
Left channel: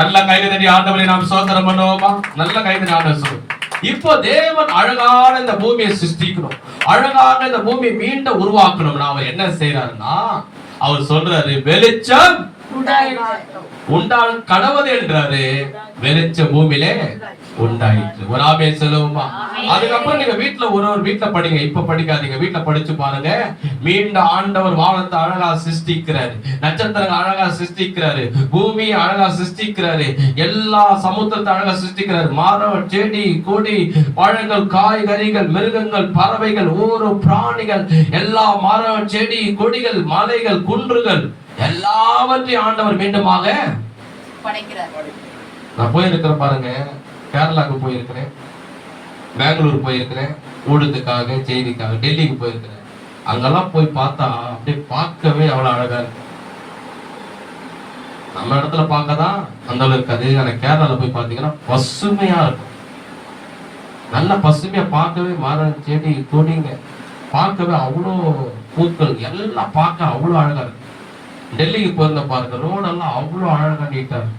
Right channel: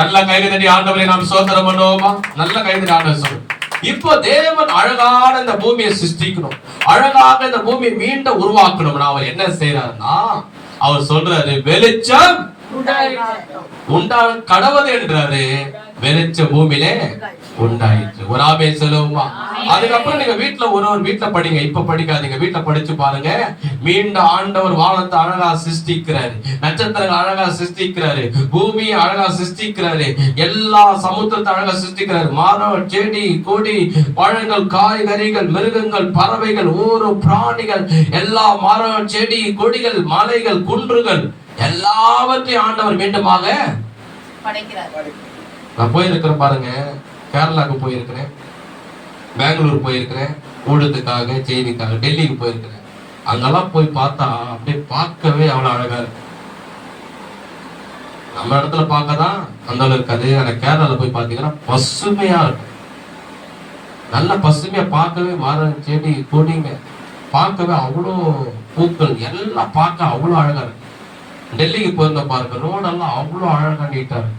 நல்ல கைதடி ஆண்டவரை நாம் சோதனை பண்ணுவோமா? நல்ல கைதடி ஆண்டவர் சொல்லு. இப்போ தேவன் அழகான இந்த பூமியை சிருஷ்டிக்கணும், அழகாக இந்த பூமியை மீண்டும் உருவாக்கணும். அவர் என்ன செய்யறாருன்னா, அவர் சொல்றாரு, வெளிச்சம் உண்டா கடவுள் என்றாரு, வெளிச்சம் பூமியிலே உண்டாயிற்று. ஒரு ஆமென் சொல்லுவோமா? அதுக்கப்புறம் நீங்க வீட்டுல ஒரு வீட்டுல படிங்க, இப்ப படிக்காதீங்க, வீட்டுல படிச்சு பாருங்க. மீண்டும் ஆண்டவர் வானத்தை அழகா சிருஷ்டிக்கிறாரு, நட்சத்திரங்கள் அழகா சிருஷ்டிக்கிறாரு, பூமியை அழகா சிருஷ்டிக்கிறாரு, எல்லா சமுத்திரத்தை அழகா சிருஷ்டிக்கிறாரு. மரம், செடி, கொடி, பழங்கள், காய்கறிகள், மிருகங்கள், பறவைகள், ஊரு பிராணிகள், எல்லா மரம், செடி, கொடிகள், மலைகள், குன்றுகள் எல்லாவற்றையும் ஆண்டவர் மீண்டுமாக படைக்கிறார். நான் போயிருக்கிறேன் பாருங்க, கேரளாவுக்கு போயிருக்கிறேன், பெங்களூர் போயிருக்கிறேன், ஊடகத்துக்காக செய்திக்காக, டெல்லிக்கு போயிருக்கிறேன். அங்கெல்லாம் போய் பார்த்தா அப்படியே பார்க்கவே அவ்வளவு அழகா இருக்கு. நம்ம இடத்துல பார்க்கதான் அந்த அளவுக்கு இருக்காது. ஆனா கேரளால போய் பார்த்தீங்கன்னா பசுமையா இருக்கும், நல்ல பசுமையா, பார்க்கவே மரம், செடி, கொடிங்க பார்க்கவே அவ்வளோ, பூக்கள் எல்லாம் பார்க்க அவ்வளோ அழகா இருக்கு. டெல்லிக்கு போயிருந்த பாருங்க, ரோடெல்லாம் அவ்வளோ அழகா நீட்டா இருக்கு,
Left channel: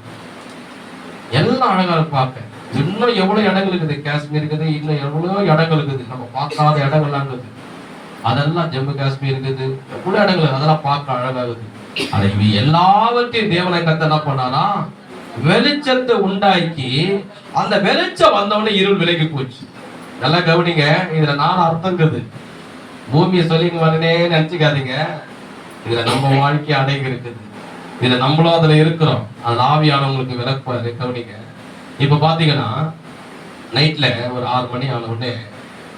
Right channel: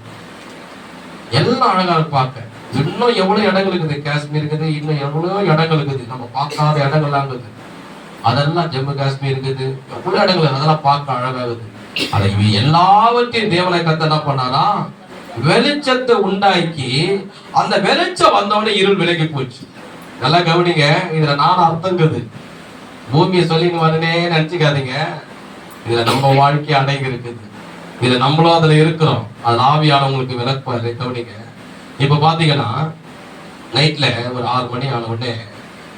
எல்லாம் அழகா இருக்கு பார்க்க. இன்னும் எவ்வளவு இடங்கள் இருக்குது, காஷ்மீர் இருக்குது, இன்னும் எவ்வளவு இடங்கள் இருக்குது, நம்ம பார்க்காத இடங்கள்லாம் இருக்குது. அதெல்லாம் ஜம்மு காஷ்மீர் இருக்குது, எவ்வளவு இடங்கள், அதெல்லாம் பார்க்க அழகாகுது. அதை எல்லாவற்றையும் தேவனை கத்த என்ன பண்ணாரா, வெளிச்சத்தை உண்டாக்கி, அந்த வெளிச்சம் வந்தவொடனே இருள் விலகி போச்சு. நல்லா கவனிங்க, இதுல 4 அர்த்தங்குது. பூமியை சொல்லிங்க வரனே நினைச்சுக்காதீங்க, இதுல நம்ம வாழ்க்கை அடங்கி இருக்குது, இதுல நம்மளும் அதுல இருக்கிறோம். அது ஆவியானவங்களுக்கு விளக்குவாரு. கவனிங்க, இப்ப பாத்தீங்கன்னா நைட்ல ஒரு 6 மணி ஆன உடனே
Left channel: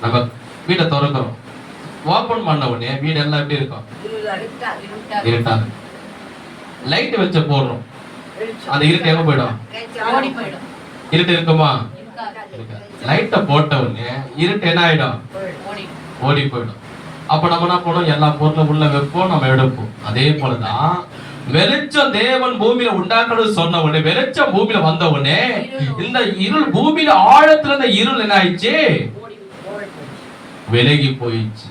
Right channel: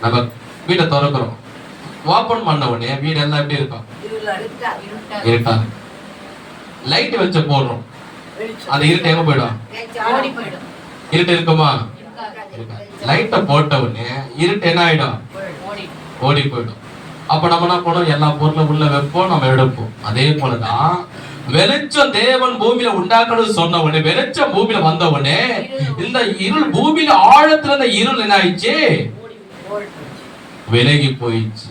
நம்ம வீட்டை திறக்கிறோம், ஓபன் பண்ண உடனே வீடு எல்லாம் எப்படி இருக்கும், இருட்டா. லைட் வச்ச போடுறோம், அந்த இருட்டு எங்க போயிடும், இருட்டு இருக்குமா, லைட்டை போட்ட உடனே இருட்டு என்ன ஆயிடும், ஓடி போயிடும். அப்ப நம்ம என்ன பண்ணோம், எல்லா பொருளும் உள்ள வைப்போம், நம்ம எடுப்போம். அதே போலதான் வெளிச்சம் தேவன் பூமியில உண்டாக்கணும் சொன்ன உடனே, வெளிச்சம் பூமியில வந்த உடனே இந்த இருள் பூமியில ஆழத்துல இந்த இருள் என்ன ஆயிடுச்சு, விலகி போயிடுச்சு.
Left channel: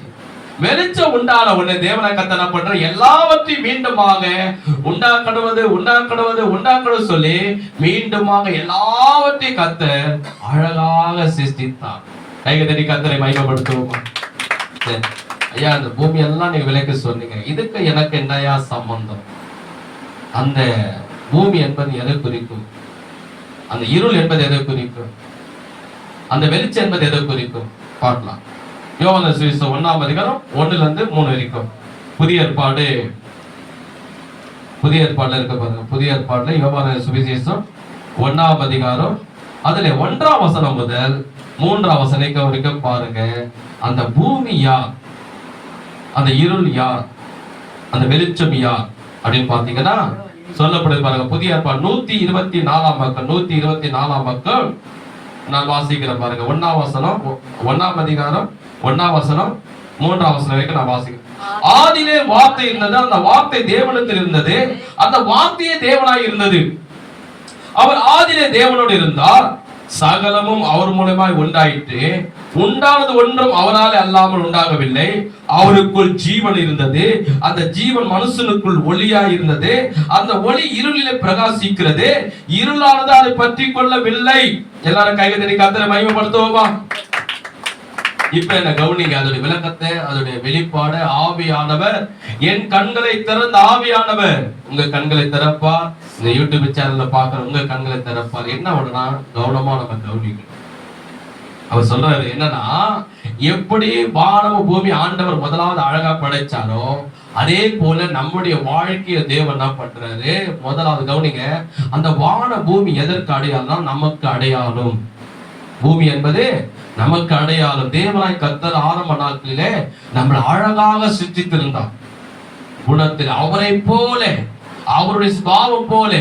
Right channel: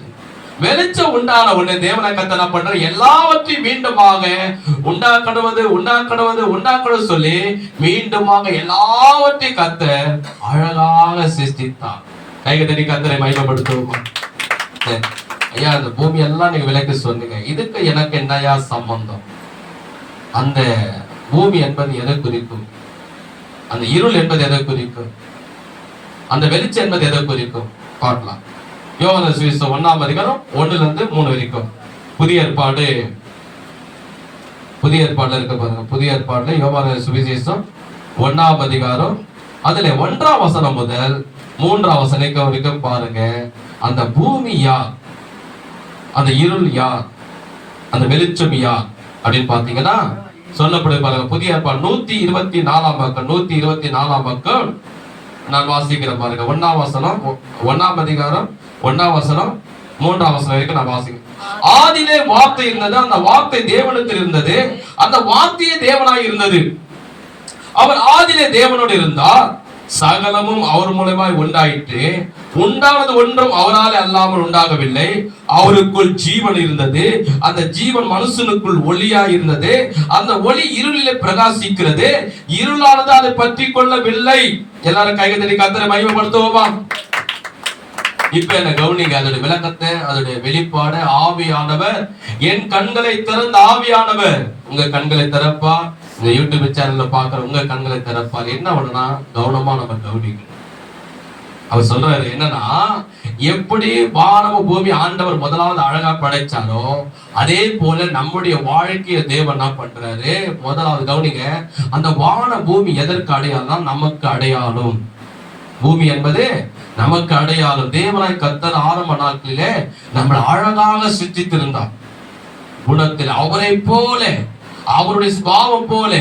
வெளிச்சம் உண்டான உடனே தேவனாய் கர்த்தர் என்ன பண்ற, எல்லாவற்றையும் மீண்டுமாக உண்டாக்கடுவது சொல்லி மீண்டுமாக எல்லாவற்றையும் கர்த்தர் அழகாக சிருஷ்டித்தார். கைக தட்டி கர்த்தரை மகிமைப்படுத்துவோமா? ஐயா, இந்த பூமி எல்லாம் நீங்க விலைக்கு சொன்னீங்க, இதுக்கு எனக்கு என்னையா சம்பந்தம்? அந்த பூமி என்பது எதை குறிக்கும்? அந்த இருள் என்பது எதை குறிக்கும்? அந்த வெளிச்சம் என்பது எதை குறிக்கும்? பார்க்கலாம். யோவான் சுவிசேஷம் 1ஆம் அதிகாரம் 1-3 வரைக்கும் புதிய ஏற்பாடுல இருக்க பாருங்க. புதிய ஏற்பாடுல யோவான் சுவிசேஷம் 1ஆம் அதிகாரம் அதுல 1ஆம் வசனம் முதல் 3ஆம் வசனம் வரைக்கும் பாருங்க. அந்த பூமி யார், அந்த இருள் யார், அந்த வெளிச்சம் யார் அப்படின்னு பாத்தீங்கன்னா சொல்லப்படுது பாருங்க. புதிய ஏற்பாடு 124ஆம் பக்கம் 124ஆம் பக்கம் நான் வாசிக்கிறேன் பாருங்க. 1ஆம் வசனம் 1ஆம் அதிகாரம் 1ஆம் வசனம் 3ஆம் வசனம் வரைக்கும் நான் வாசிக்கிறேன். ஆதியிலே வார்த்தை இருந்தது, அந்த வார்த்தை தேவனிடத்தில் இருந்தது, அந்த வார்த்தையே தேவனாய் இருந்தது. அவர் ஆதியிலே தேவனோடு இருந்தார், சகலமும் அவர் மூலமாய் உண்டாயிற்று, உண்டானது ஒன்றும் அவரால் அல்லாமல் உண்டாகவில்லை. அவருக்குள் ஜீவன் இருந்தது, அந்த ஜீவன் மனுஷனுக்குள் ஒளியாய் இருந்தது. அந்த ஒளி இருளிலே பிரகாசிக்கிறது, இருளானது அதை பற்றி கொள்ளவில்லை. எல்லாரும் கையை தட்டி கர்த்தரை மகிமைப்படுத்துவோமா? இப்ப என்ன கவனிங்க, அதோட விளக்கத்தை, அதோட வெளிப்பாடு. ஆவியானவர் என் கண்களை திறந்த ஆவியானவர் உங்க கண்களை திறப்பா. இந்த யூடியூப் சேனல்ல பாக்குற உங்க கண்களை திறப்பார். என்ன பண்ணா கவனமா நம்ம கவனிக்கணும். அவர் சொல்றாரு என்னன்னா, எப்படி வானம பூமி ஆண்டவர் முதலாவது அழகா படைச்சாரோ அதே போல நம்முடைய வாழ்க்கைய தேவன் என்ன பண்றாரு, முதலாவது கவனிங்க, அந்த வான பூமி எதற்கு அடையாளம்? நமக்கு அடையாளம். பூமி என்பது நமக்கு அடையாளம். தேவனாய் கர்த்தர் ஆரம்ப நாட்களிலே நம்மளை அழகாக சிருஷ்டித்திருந்தார். குணத்தில் அவரை போல, அவருடைய சுபாவம் போல,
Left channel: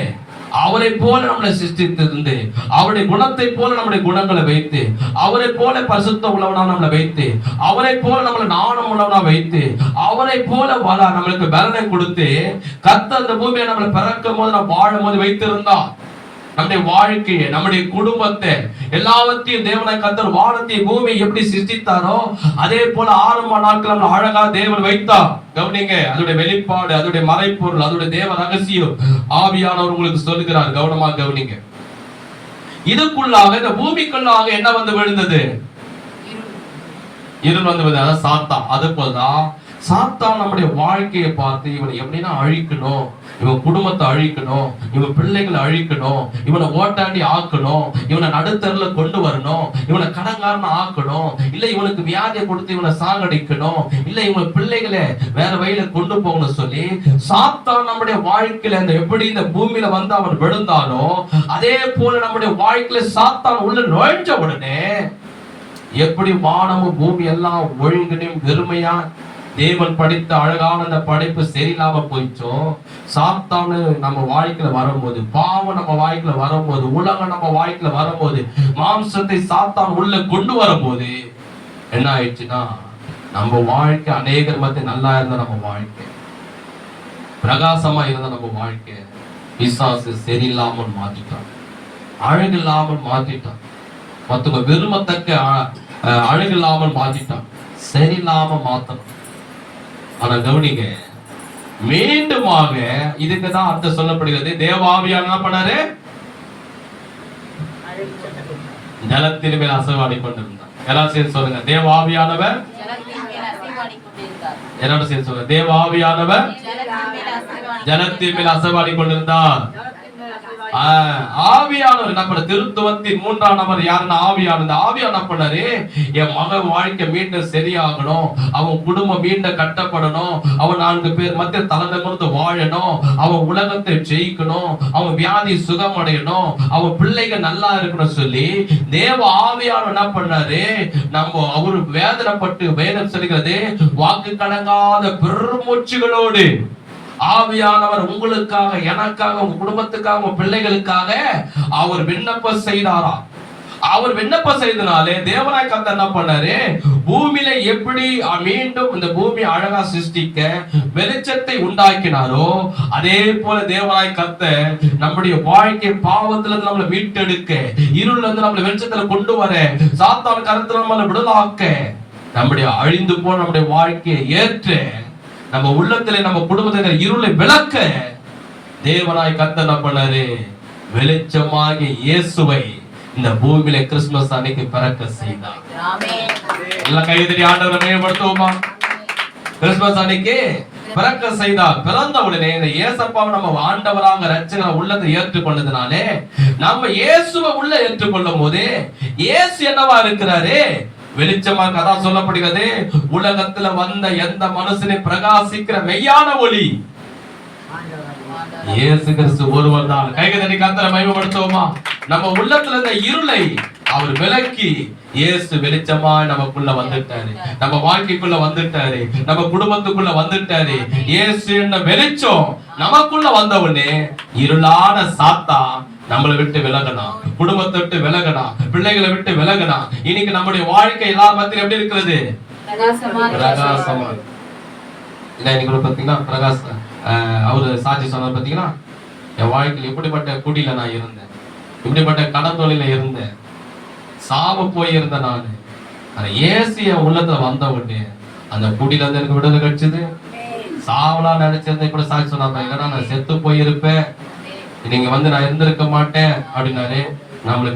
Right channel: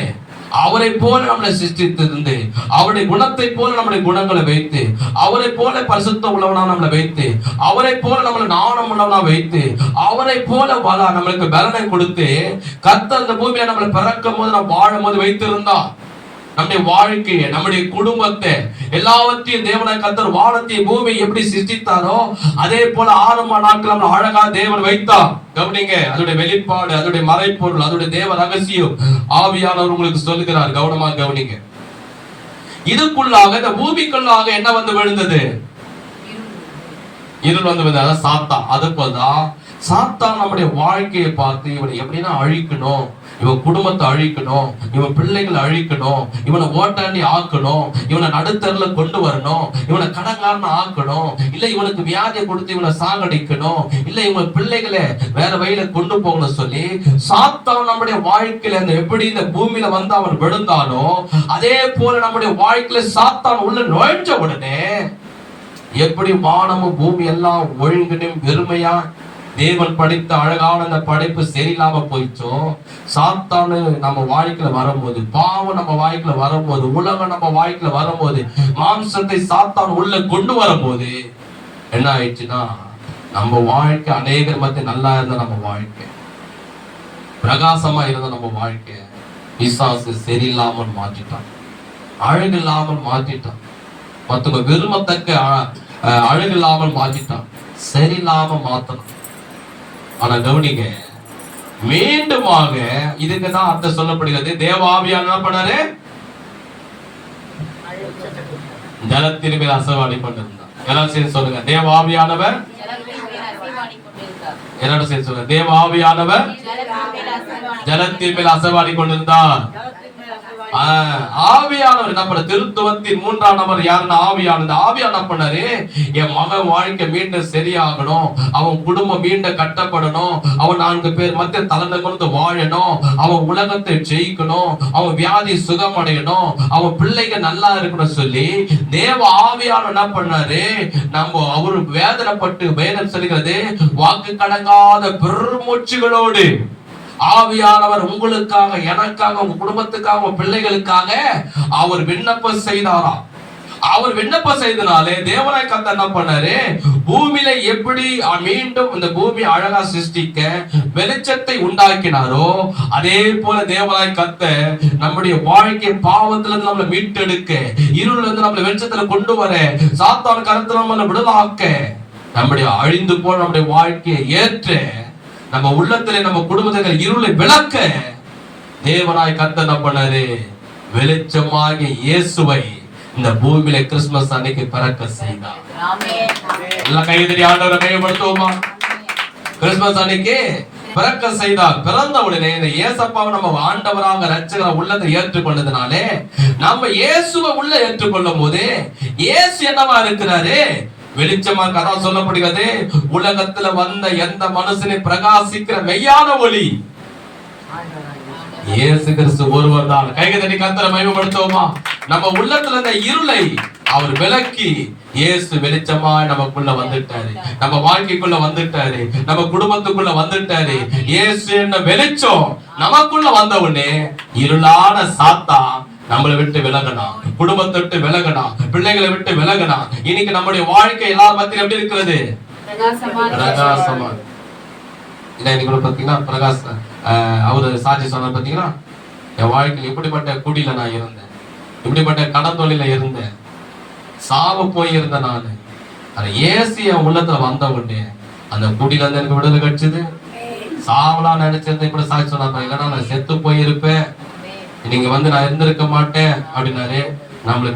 அவரை போல நம்மளை சிருஷ்டித்திருந்து, அவருடைய குணத்தை போல நம்முடைய குணங்களை வைத்து, அவரை போல பரிசுத்த உள்ளவனா நம்மளை வைத்து, அவரை போல நம்மளை நாணம் உள்ளவனா வைத்து, அவரை போல நம்மளுக்கு பலனை கொடுத்து கர்த்தர் அந்த பூமியை நம்மளை பிறக்கும் போது நம்ம வாழும் போது வைத்திருந்தா. நம்முடைய வாழ்க்கையை, நம்முடைய குடும்பத்தை, எல்லாவற்றையும் தேவனாய் கர்த்தர் வானத்தையும் பூமியை எப்படி சிருஷ்டித்தாரோ அதே போல ஆரம்ப நாட்கள் நம்மளை அழகா தேவன் வைத்தார். கவனிங்க, அதோட வெளிப்பாடு, அதோட மறைப்பொருள், அதோட தேவ ரகசியம் ஆவியானவர் உங்களுக்கு சொல்லுகிறார். கவனமா கவனிங்க. இதுக்குள்ளாக, இந்த பூமிக்குள்ளாக என்ன வந்து விழுந்தது? இருள் வந்து விழுந்தது. அதான் சாத்தான். அது போலதான் சாத்தான் நம்முடைய வாழ்க்கையை பார்த்து இவனை எப்படின்னா அழிக்கணும், இவன் குடும்பத்தை அழிக்கணும், இவன் பிள்ளைகளை அழிக்கணும், இவனை ஓட்டாண்டி ஆக்கணும், இவனை நடுத்தருல கொண்டு வரணும், இவனை கடங்காரன ஆக்கணும், இல்ல இவனுக்கு வியாதியை கொடுத்து இவனை சாகடிக்கணும், இல்ல இவன் பிள்ளைகளை வேற வழியில கொண்டு போகணும் சொல்லி சாத்தான் நம்முடைய வாழ்க்கையில அந்த எப்படி இந்த பூமியில வந்து அவன் விழுந்தானோ அதே போல நம்முடைய வாழ்க்கையில சாத்தான் உள்ள நுழைஞ்ச உடனே எப்படி வானமும் பூமி எல்லாம் ஒழுங்கினும் வெறுமையா தேவன் படித்த அழகான அந்த படைப்பு சரியில்லாம போயிச்சோ, சாத்தானு நம்ம வாழ்க்கையில வரும்போது, பாவம் நம்ம வாழ்க்கையில வரும்போது, உலகம் நம்ம வாழ்க்கையில வரும்போது, மாம்சத்தை சாத்தான் உள்ள கொண்டு வரும்போது என்ன ஆயிடுச்சுன்னா, நம்ம வாழ்க்கை அநேகர் மத்திய நல்லா இருந்த நம்ம வாழ்க்கை, பிரகாசமா இருந்த நம்ம வாழ்க்கை பிசாசு சரியில்லாமல் மாற்றிட்டான், அழகில்லாமல் மாற்றிட்டான், மத்தவங்க விரும்பத்தக்க அழகில்லாமல் மாற்றிட்டான், சரியில்லாம மாத்தணும். ஆனா கவனிங்க, மீண்டுமாக இதுக்குதான் அர்த்தம் சொல்லப்படுகிறது. தேவாவியான என்ன பண்ணாரு? ஜலத்தின் மேல் அசைவாடி கொண்டிருந்தார். எல்லாரும் சேர்ந்து சொல்லுங்க, தேவாவியானவர். எல்லாரும் சேர்ந்து சொல்லுங்க, தேவாவியானவர் ஜலத்தின் மேல் அசைவாடி கொண்டிருந்தார். ஆவியானவர் என்ன பண்ண? திருத்துவத்தின் 3ஆம் நபர் யாருன்னா ஆவியானவர். ஆவியான என்ன பண்ணாரு? என் மகன் வாழ்க்கை மீண்டும் சரியாகணும், அவன் குடும்பம் மீண்டும் கட்டப்படணும், அவன் 4 பேர் மத்திய தலைநிமிர்ந்து வாழணும், அவன் உலகத்தை ஜெயிக்கணும், அவன் வியாதி சுகமடையணும், அவன் பிள்ளைகள் நல்லா இருக்கணும் சொல்லி தேவ ஆவியானவர் என்ன பண்ணாரு? நம்ம அவரு வேதனைப்பட்டு, வேதம் சொல்லுகிறது, வாக்கு கடங்காத பெருமூச்சுகளோடு ஆவியானவர் உங்களுக்காக, எனக்காக, உங்க குடும்பத்துக்காக, உங்க பிள்ளைகளுக்காக அவர் விண்ணப்பம் செய்தாரா. அவர் விண்ணப்பம் செய்தனாலே தேவனாய் கர்த்தர் என்ன பண்ணாரு? பூமியில எப்படி மீண்டும் இந்த பூமி அழகா சிருஷ்டிக்க வெளிச்சத்தை உண்டாக்கினாரோ அதே போல தேவனாய் கர்த்தர் நம்முடைய வாழ்க்கை பாவத்துல இருந்து நம்மளை மீட்டெடுக்க, இருள்ல இருந்து நம்மளை வெளிச்சத்துல கொண்டு வர, சாத்தான் கருத்துல நம்மளை விடுதலாக்க நம்முடைய அழிந்து போன நம்முடைய வாழ்க்கையை ஏற்று நம்ம உள்ளத்திலே நம்ம குடும்பத்தினர் இருளை விளக்க தேவனாய் கர்த்தர் என்ன பண்ணாரு? வெளிச்சமாகிய இயேசுவை இந்த பூமியில கிறிஸ்துமஸ் அன்னைக்கு பிறக்க செய்தார். எல்லாம் கைதறி ஆண்டவரை மேம்படுத்துவோமா? கிறிஸ்துமஸ் அன்னைக்கு பிறக்க செய்தார். பிறந்த உடனே இந்த இயேசப்பாவை நம்ம ஆண்டவராக ரட்சகராக உள்ளத்தை ஏற்றுக்கொண்டதுனாலே நம்ம இயேசுவை உள்ள ஏற்றுக்கொள்ளும் போது இயேசு என்னவா இருக்கிறாரு? வெளிச்சமாக. அதான் சொல்லப்படுகிறது, உலகத்துல வந்த எந்த மனுஷனை பிரகாசிக்கிற மெய்யான ஒளி இயேசு கிறிஸ்து ஒருவர் தான். கைகளை கர்த்தரை மகிமைப்படுத்துவோமா? நம்ம உள்ளத்துல இந்த இருளை அவர் விலக்கி இயேசு வெளிச்சமா நமக்குள்ள வந்துட்டாரு, நம்ம வாழ்க்கைக்குள்ள வந்துட்டாரு, நம்ம குடும்பத்துக்குள்ள வந்துட்டாரு. இயேசு என்ன வெளிச்சம் நமக்குள்ள வந்த உடனே இருளான சாத்தான் நம்மளை விட்டு விலகணும், குடும்பத்தை விட்டு விலகணும், பிள்ளைகளை விட்டு விலகணும். இன்னைக்கு நம்முடைய வாழ்க்கை எல்லாரும் மத்தியிலும் எப்படி இருக்கிறது? பிரகாசமா. இன்னைக்கு பாத்தீங்கன்னா பிரகாச அவரு சாட்சி சொன்னார் பாத்தீங்கன்னா, என் வாழ்க்கையில் இப்படிப்பட்ட குடியில நான் இருந்தேன், இப்படிப்பட்ட கடன் தொழில இருந்தேன், சாவ போயிருந்தேன் நானு. ஆனா ஏசு என் உள்ளத்துல வந்த உடனே அந்த குடியில இருந்து எனக்கு விடுதலை கிடைச்சது. சாவலாம் நினைச்சிருந்தேன், இப்படி சாட்சி சொன்னார், இல்லைன்னா நான் செத்து போயிருப்பேன், நீங்க நான் இருந்திருக்க மாட்டேன் அப்படின்னாரு. நம்மள